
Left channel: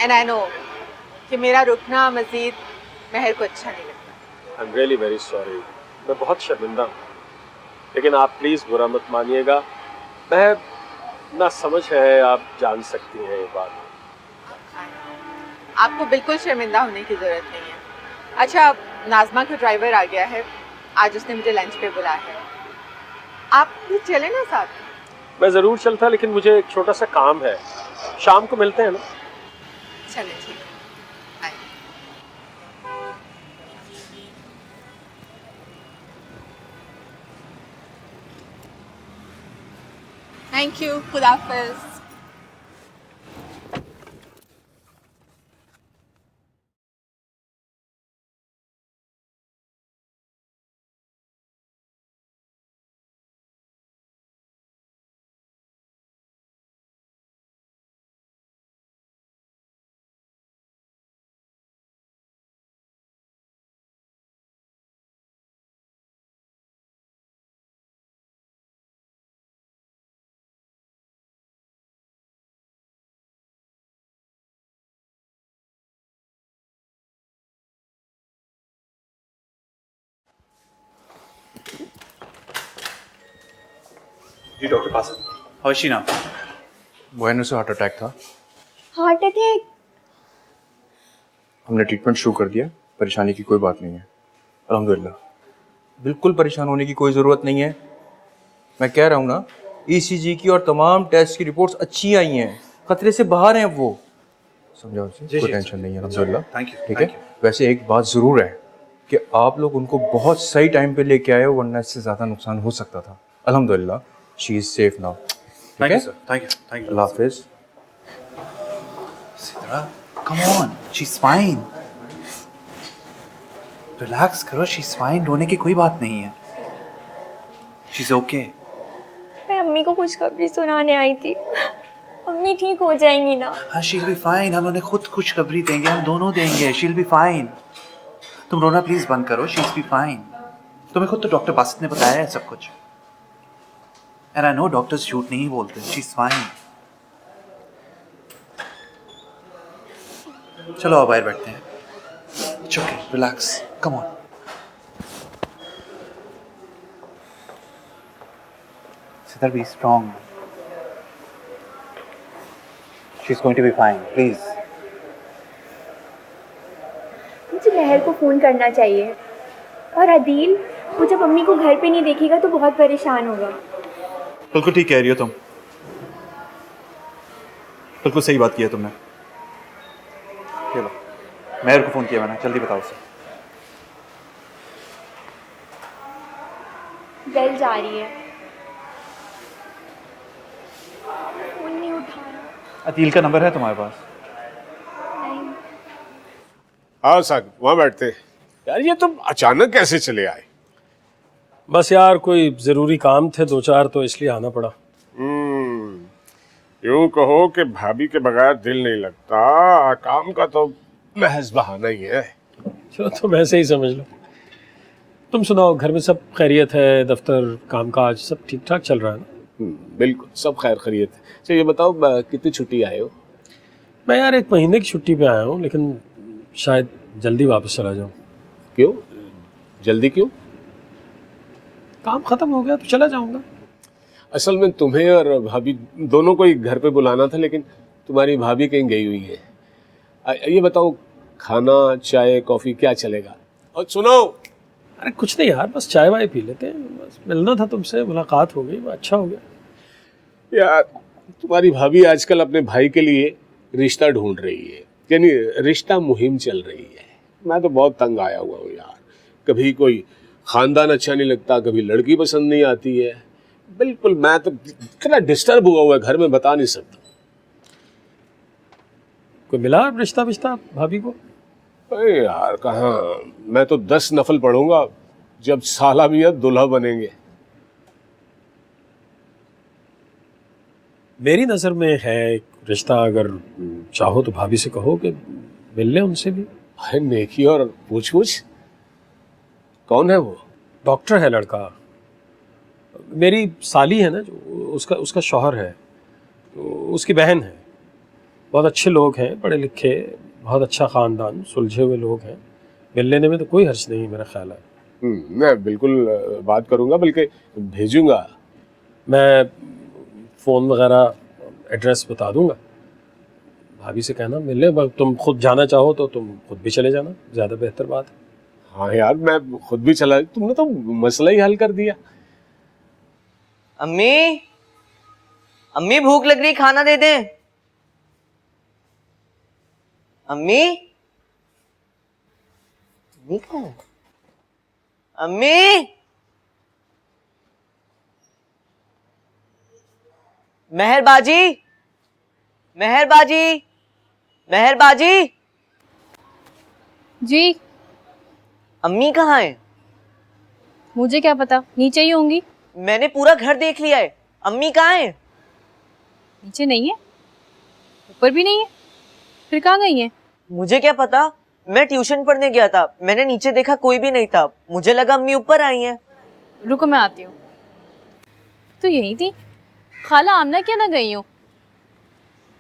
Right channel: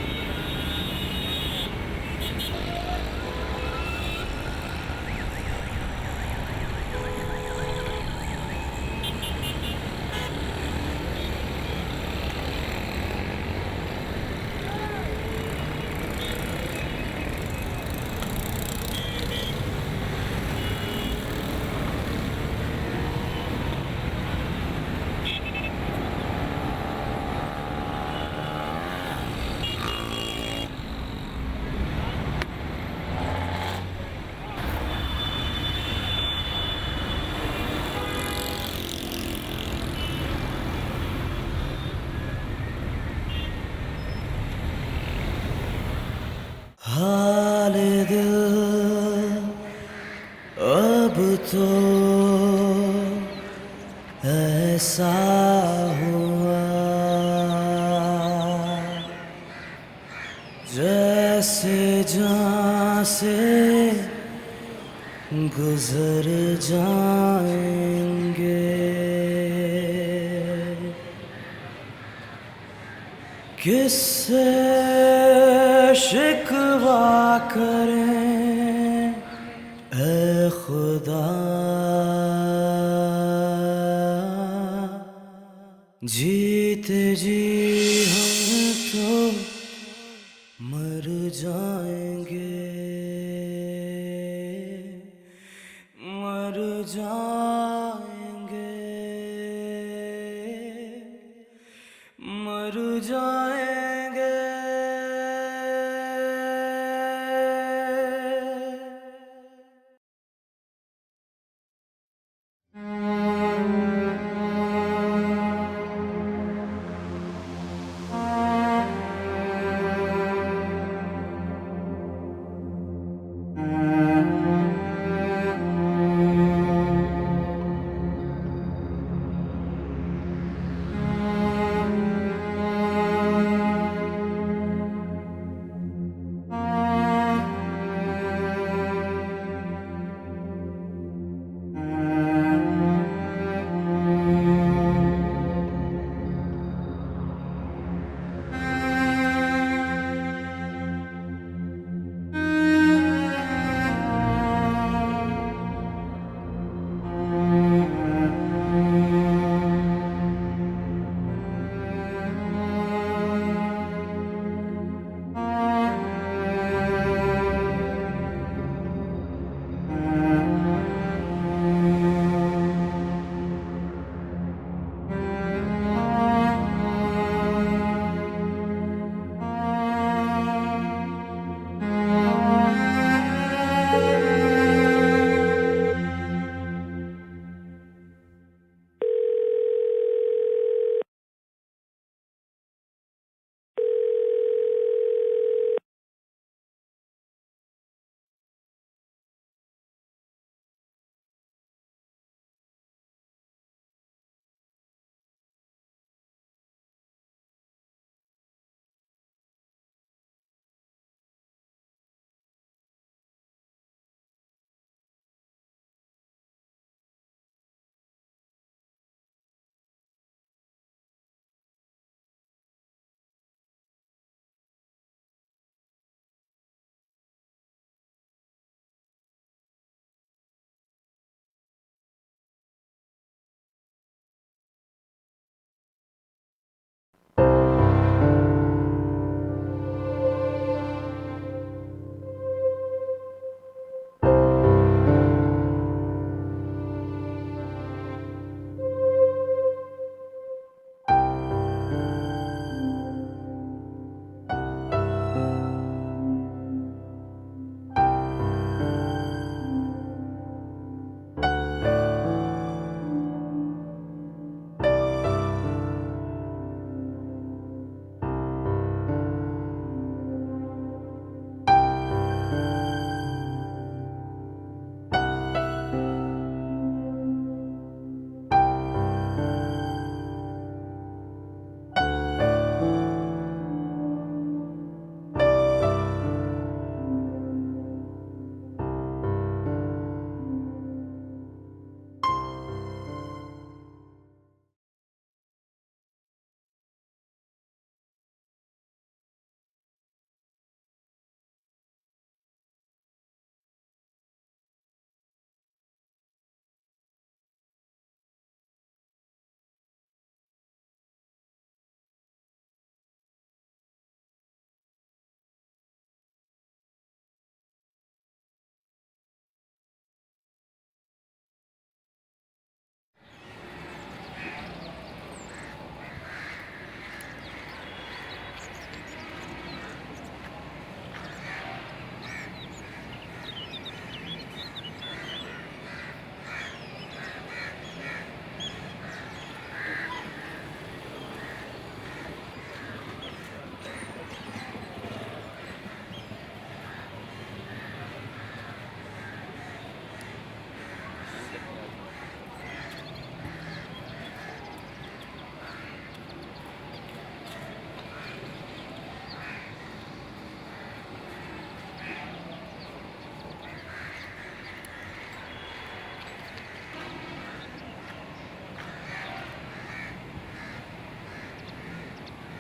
एंड आई नो कि मेरा रुकना मज़ीद महर को अच्छा नहीं। I am really very sorry, मैं बहुत शर्मिंदा हूँ, लेकिन आप प्लीज़ बुरा मत मानिएगा। मैं ना समझ है, आप जान सकती हैं ये बात। आपको बिल्कुल शर्मिंदा होने की ज़रूरत नहीं है। अच्छा, नाज़मा का ड्राइवर आ गया है, आज उसने मुझे लंच पे बुलाया है। आप भी चले ना साथ। मैं ज़रूर चलता, लेकिन मुझे एक छोटा सा काम है। शाम को मिलते हैं ना? चले। थैंक यू, खुदा हाफिज़। हाल दिल अब तो ऐसा हुआ जैसे जान से गुजर जाएंगे। किससे शिकवा करें ऐ खुदा। डॉक्टर पास हर्षी नाम वह से हार्ट अटैक था। Heart attack? हमने ट्रीटमेंट शुरू कर दिया, परेशानी की कोई बात नहीं है अल्हम्दुलिल्लाह। बिल्कुल परेशान होने की कोई ज़रूरत नहीं है। मैं कह रहा हूँ ना, ईसीजी की और तमाम टेस्ट की रिपोर्ट्स अच्छी आई हैं, खतरे से बाहर हैं वो। कोई टेंशन नहीं है अल्हम्दुलिल्लाह, ठीक है। वैसे एक बात ज़रूर है कि आप लोग उनको बहुत सही टाइम पे लेके आए हो, वरना इससे ज़्यादा नुकसान हो सकता था। अल्हम्दुलिल्लाह she is safe now. Thank you sir, thank you. अल्लाह हाफिज़। Come on, she's fine. Relax करो, she's fine. रोने की कोई बात नहीं है। She's okay. मैं अम्मी को खुशखबरी सुनाने आई थी। अम्मी ठीक हो जाएंगी ना? हाँ, she'll be fine. हम उन्हें खुद खुशखबरी देंगे, हम दोनों देंगे। She'll be fine. तुम रोना प्लीज बंद करो। She'll be fine. तुम्हें खुद तो डॉक्टर बासित ने बताया है सब कुछ। And I know डॉक्टर्स झूठ नहीं बोलते। She's fine. चलो अब बाहर बैठते हैं। चलो, relax, come on. Be strong. She's going to be fine. Please. मुझे महर को फोन करना चाहिए। और अदील, वो जब अम्मी को घर पे नहीं देखेगा तो बहुत परेशान होगा। बिल्कुल ठीक कह रही हो तुम। बिल्कुल सही बात की है तुमने। मेहर को फोन किया मैंने, जल्दी बताओ। बेल जा रही है, फोन नहीं उठा रहा। अतील का नंबर है तुम्हारे पास? नहीं। हाँ साकिब, वहाँ बैठते हैं। यार ये तुम अचानक कैसे चले आए? बस यार कोई ज़रूरी काम थे 2-4 तो इसलिए आना पड़ा। यूं कहो कि भाभी के बगैर दिल नहीं लगता, काम का तो महज बहाना ही है। चलो तुम ऐसे ही समझ लो। तुम सुनाओ, घर में सब खैरियत है? दफ्तर कामकाज सब ठीक ठाक चल रहा है ना? बिल्कुल सब खैर खैरियत है। अच्छा ये बताओ कितनी छुट्टी आए हो? मैं यार 1 महीने की छुट्टी पे आया हूँ, लेकिन शायद जल्दी वापस चला जाऊँ। क्यों जल्दी क्यों? काम ख़त्म हो गया तो चला जाऊँगा। असल में तुम्हें और भाभी दोनों को ही घर पे बुलाना था, लेकिन तुम्हारी भाभी कहीं गई हुई है। ये बताओ खाना चाय कॉफी क्या चलेगा? और सुनो, अरे कुछ नहीं यार, बस चाय वाय पी लेते हैं। बस मिलना था तुमसे, मुलाकात हो गई, अच्छा हो गया। यार तुम्हारी भाभी आजकल अपने भाई के लिए रिश्ता ढूंढ रही है, यानी रिश्ता मुहिम चल रही है। मैं तो बहुत तंग आया हुआ हूँ यार। कभी कोई खानदान अच्छा नहीं लगता, कभी लड़की पसंद नहीं आती है। बिल्कुल मैं तो इतना डिस्टर्ब हुआ हुआ है घर में, बता नहीं सकता। कोई मिला रिश्ता विश्ता भाभी को? अरे यार कहाँ, मैं तो 10 नफल पढ़ूंगा जब साला मियां दुल्हा बनेंगे। मेरी नजर में है एक रिश्ता, अगर चाहो तो भाभी से कहो कि मिल ले उनसे भी। अरे नेकी और पूछ कौन है वो? डॉक्टर है लड़का, मेरी साली है ना, जो उसका शौहर है, उसकी बहन है। बहुत अच्छे लोग हैं, पढ़े लिखे, बहुत अच्छा ख़ानदान, सुलझे हुए लोग हैं। मिल लेने में तो कोई हर्ज नहीं मेरा ख्याल है। मैं बिल्कुल बात करूंगा, बल्कि भेजूंगा। मैं फ़ोन वगैरह एड्रेस बता दूंगा, भाभी से कहना मिल ले। तुम खुद जाना चाहो तो तुम खुद भी चले जाना, ज़्यादा बेहतर बात है। हाँ यार मैं खुद भी चला, तुमने तो मसला ही हल कर दिया। अम्मी, अम्मी भूख लग रही, खाना दे दें। अम्मी, देखो अम्मी, मेहरबाजी, मेहरबाजी, मेहरबाजी। जी अम्मी कहाँ है? मुझे क्या पता, नीचे ही होंगी। मैंने पूरा घर देख लिया है, अम्मी कहाँ है? नीचे नहीं है, ऊपर भी नहीं है, फिर कहाँ गई है? मुझे क्या पता, मैं ट्यूशन पढ़ने गया था, मैंने नीचे देखा कोई भी नहीं था, मुझे लगा अम्मी ऊपर आई हैं। रुको मैं आती हूँ। तो यही थी, खाला आमना क्या ना गई हो?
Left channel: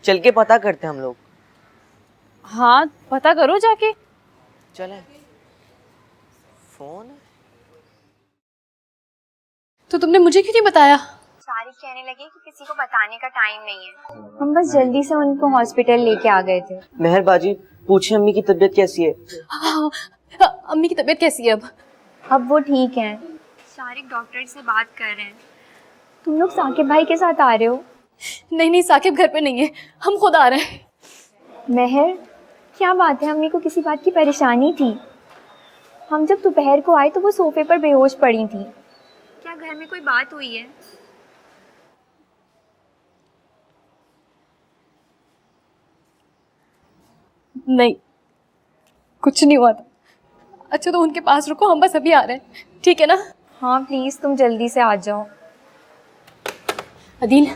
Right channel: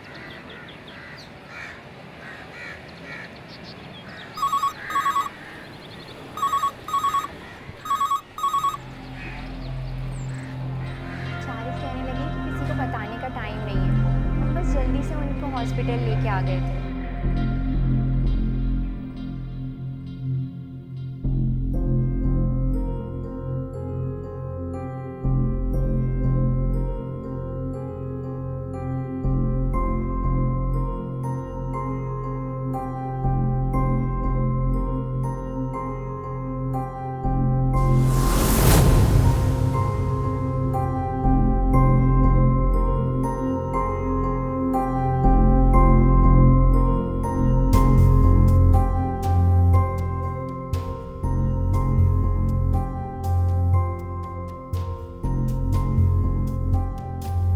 चल के पता करते हम लोग। हाँ पता करो जाके। चलो। तो तुमने मुझे क्यों नहीं बताया? सारी कहने लगी कि किसी को बताने का टाइम नहीं है। हम बस जल्दी से उनको हॉस्पिटल लेके आ गए थे। मेहरबाजी, पूछिए अम्मी की तबीयत कैसी है? हाँ, अम्मी की तबीयत कैसी है अब वो ठीक हैं। सारे डॉक्टर से बात कर रहे हैं। तुम लोग साकिब भाई के साथ आ रहे हो? नहीं, साकिब घर पे नहीं है, हम खुद आ रहे हैं। महर, क्या बात है? अम्मी को किसी बात की परेशानी थी। हम जब दोपहर को आए तो वो सोफे पर बेहोश पड़ी थी। क्या घर में कोई बात हुई है? नहीं, कुछ नहीं हुआ। अच्छा तो उनके पास रुको, हम बस अभी आ रहे हैं, ठीक है ना? हाँ प्लीज तुम जल्दी से आ जाओ। अदील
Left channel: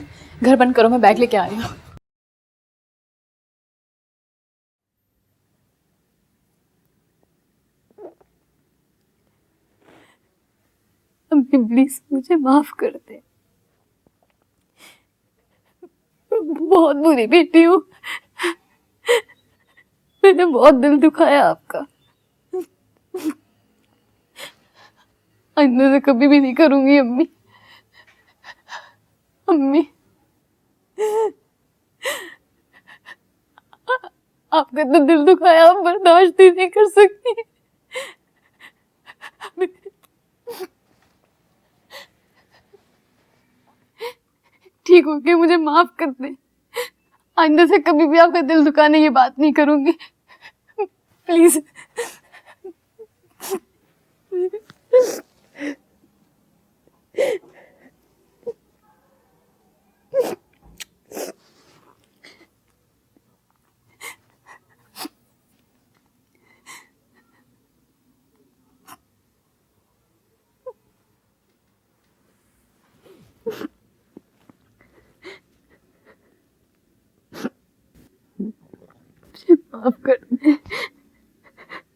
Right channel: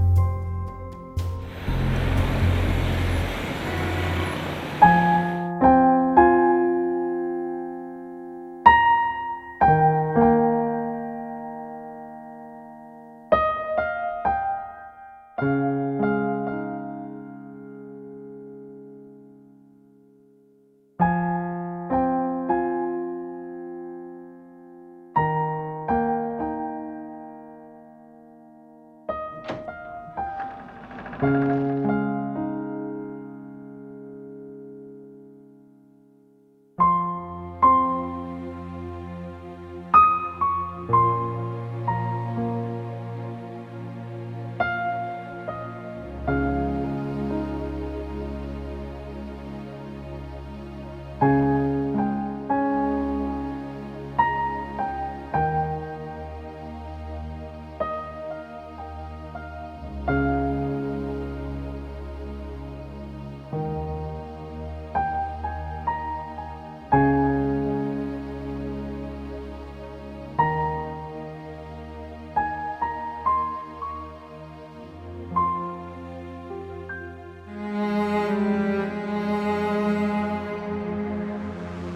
घर बंद करो, मैं बैग लेके आ रही हूँ। प्लीज मुझे माफ कर दे, मैं बहुत बुरी बेटी हूँ, मैंने बहुत दिल दुखाया आपका। आइंदा से कभी भी नहीं करूंगी अम्मी। अम्मी आपका तो दिल दुखाया, आप बर्दाश्त ही नहीं कर सकती। ठीक हो गया, मुझे माफ कर दे। आइंदा से कभी भी आपका दिल दुखाने ये बात नहीं करूंगी। प्लीज।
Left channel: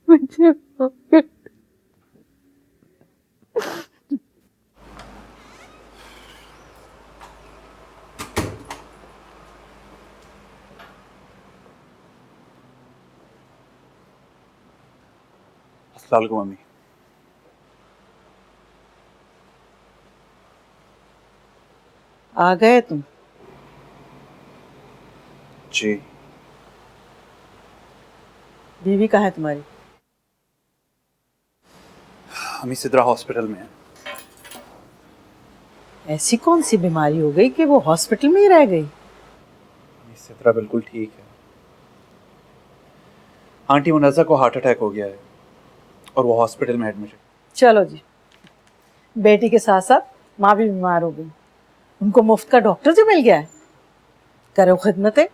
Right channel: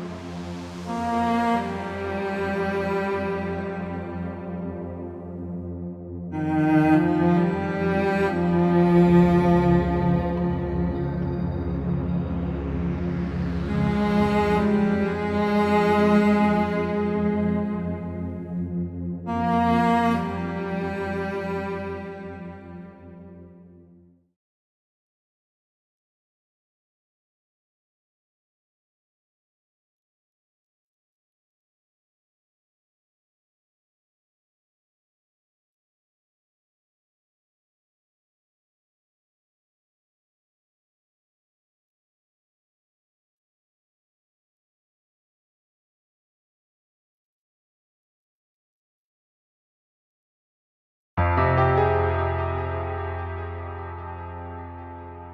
मुझे आ गए तुम? जी। बीवी कहाँ है तुम्हारी? अम्मी सिद्रा हॉस्पिटल में है। ऐसी कौन सी बीमारी हो गई कि वो हॉस्पिटल में ही रह गई? अम्मी सिद्रा बिल्कुल ठीक है। आंटी मुनज़्ज़ा को हार्ट अटैक हो गया है और वो हॉस्पिटल में एडमिट है। चलो जी, बेटी के साथ साथ माँ भी बीमार हो गई, उनको मुफ्त का डॉक्टर जो मिल गया है। करो खिदमतें।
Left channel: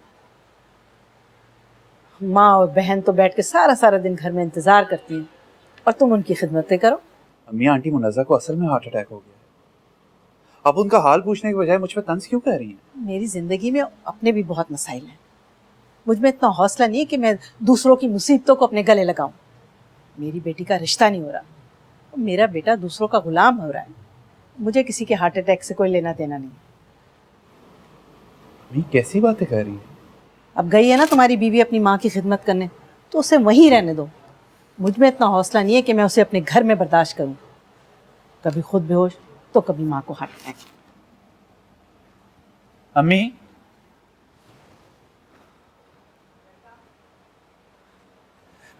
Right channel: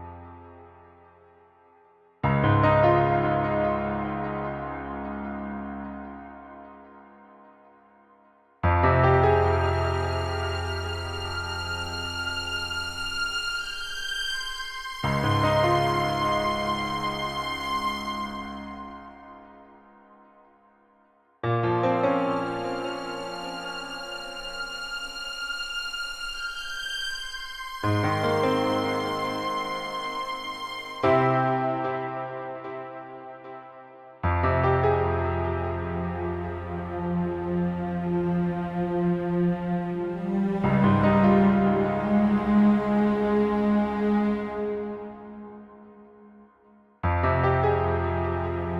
माँ और बहन तो बैठ के सारा सारा दिन घर में इंतजार करती हैं और तुम उनकी खिदमतें करो। अम्मी, आंटी मुनज़्ज़ा को असल में हार्ट अटैक है। आप उनका हाल पूछने की बजाय मुझ पर तंज क्यों कर रही हैं? मेरी जिंदगी में अपने भी बहुत मसाइल हैं। मुझ में इतना हौसला नहीं है कि मैं दूसरों की मुसीबतों को अपने गले लगाऊं। मेरी बेटी का रिश्ता नहीं हो रहा, मेरा बेटा दूसरों का गुलाम हो रहा है। मुझे किसी के हार्ट अटैक से कोई लेना देना नहीं। कैसी बातें कर रही हैं? अब गई है ना तुम्हारी बीवी अपनी माँ की खिदमत करने, तो उसे वहीं रहने दो। मुझ में इतना हौसला नहीं है कि मैं उसे अपने घर में बर्दाश्त करूं। कभी खुद बेहोश तो कभी माँ को हार्ट अटैक। अम्मी,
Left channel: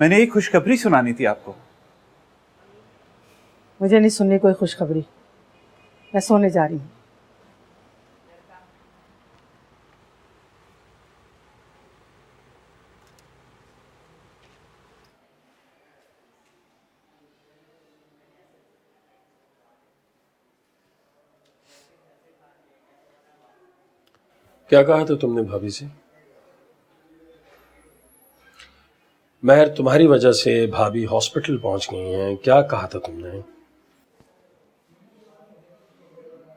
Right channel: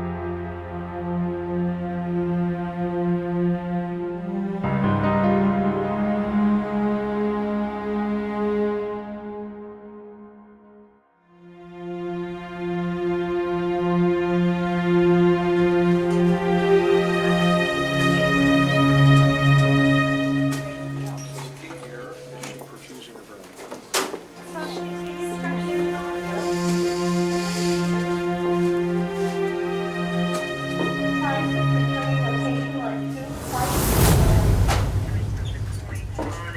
मैंने एक खुशखबरी सुनानी थी आपको। मुझे नहीं सुननी कोई खुशखबरी, मैं सोने जा रही हूँ। क्या कहा था तुमने भाभी से? महर, तुम्हारी वजह से भाभी हॉस्पिटल पहुंच गए हैं, क्या कहा था तुमने?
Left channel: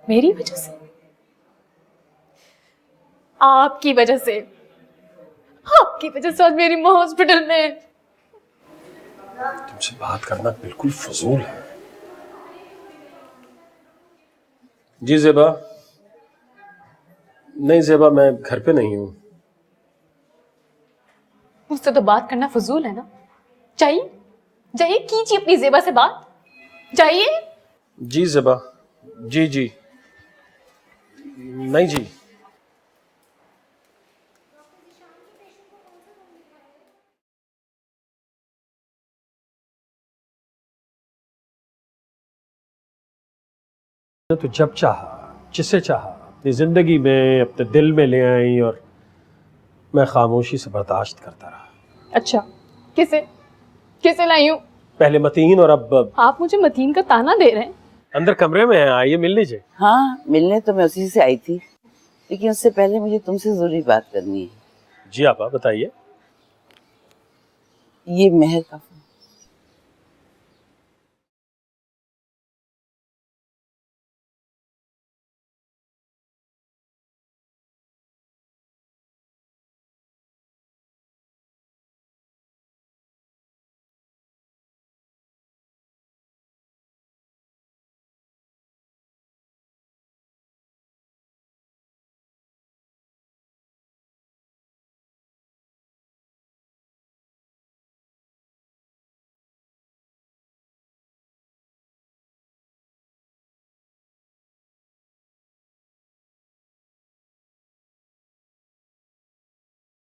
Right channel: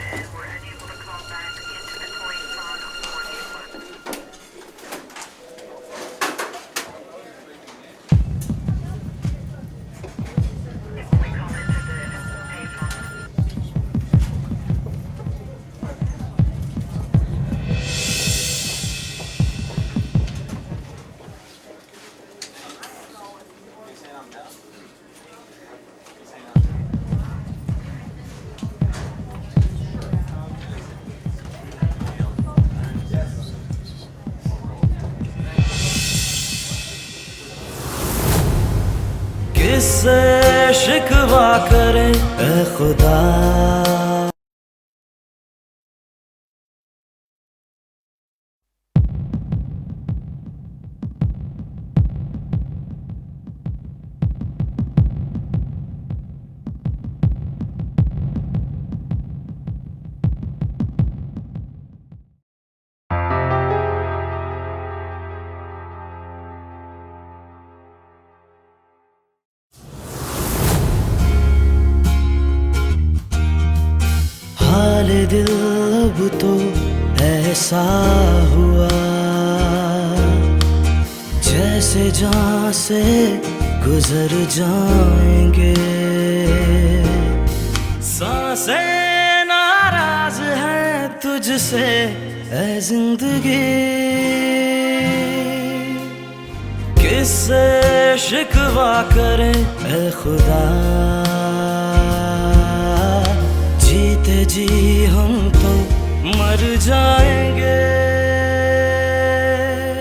मेरी वजह से? आपकी वजह से? आपकी वजह से आज मेरी माँ हॉस्पिटल में है। तुमसे बात करना बिल्कुल फजूल है। जी ज़ेबा। नहीं ज़ेबा, मैं घर पे नहीं हूँ। मुझसे तो बात करना फजूल है ना? चाहिए चाहिए कीजिए अपनी ज़ेबा से बात। चाहिए? जी ज़ेबा, जी जी। नहीं जी। किससे शिकवा करें ए खुदा। तो जब चाहा, जिसे चाहा अपनी जिंदगी में, अपने दिल में ले आई और मैं खामोशी से बर्दाश्त करता रहा। अच्छा, किसे किसे लाई हूँ? पहले मतीन और अब आप मुझे मतीन का ताना दे रहे हैं? अंदर कमरे में हैं, आइए मिल लीजिए। हाँ, मिलने तो मैं उसी से आई थी, लेकिन उससे पहले मुझे तुमसे जरूरी बात करनी है। जी आपा, बताइए। ये महर का फोन। हाल दिल अब तो ऐसा हुआ जैसे जान से गुजर जाएंगे। सांसें नाराज हैं तुझसे ऐ जिंदगी, किससे शिकवा करें ऐ खुदा। जीते जी हम तो मर जाएंगे।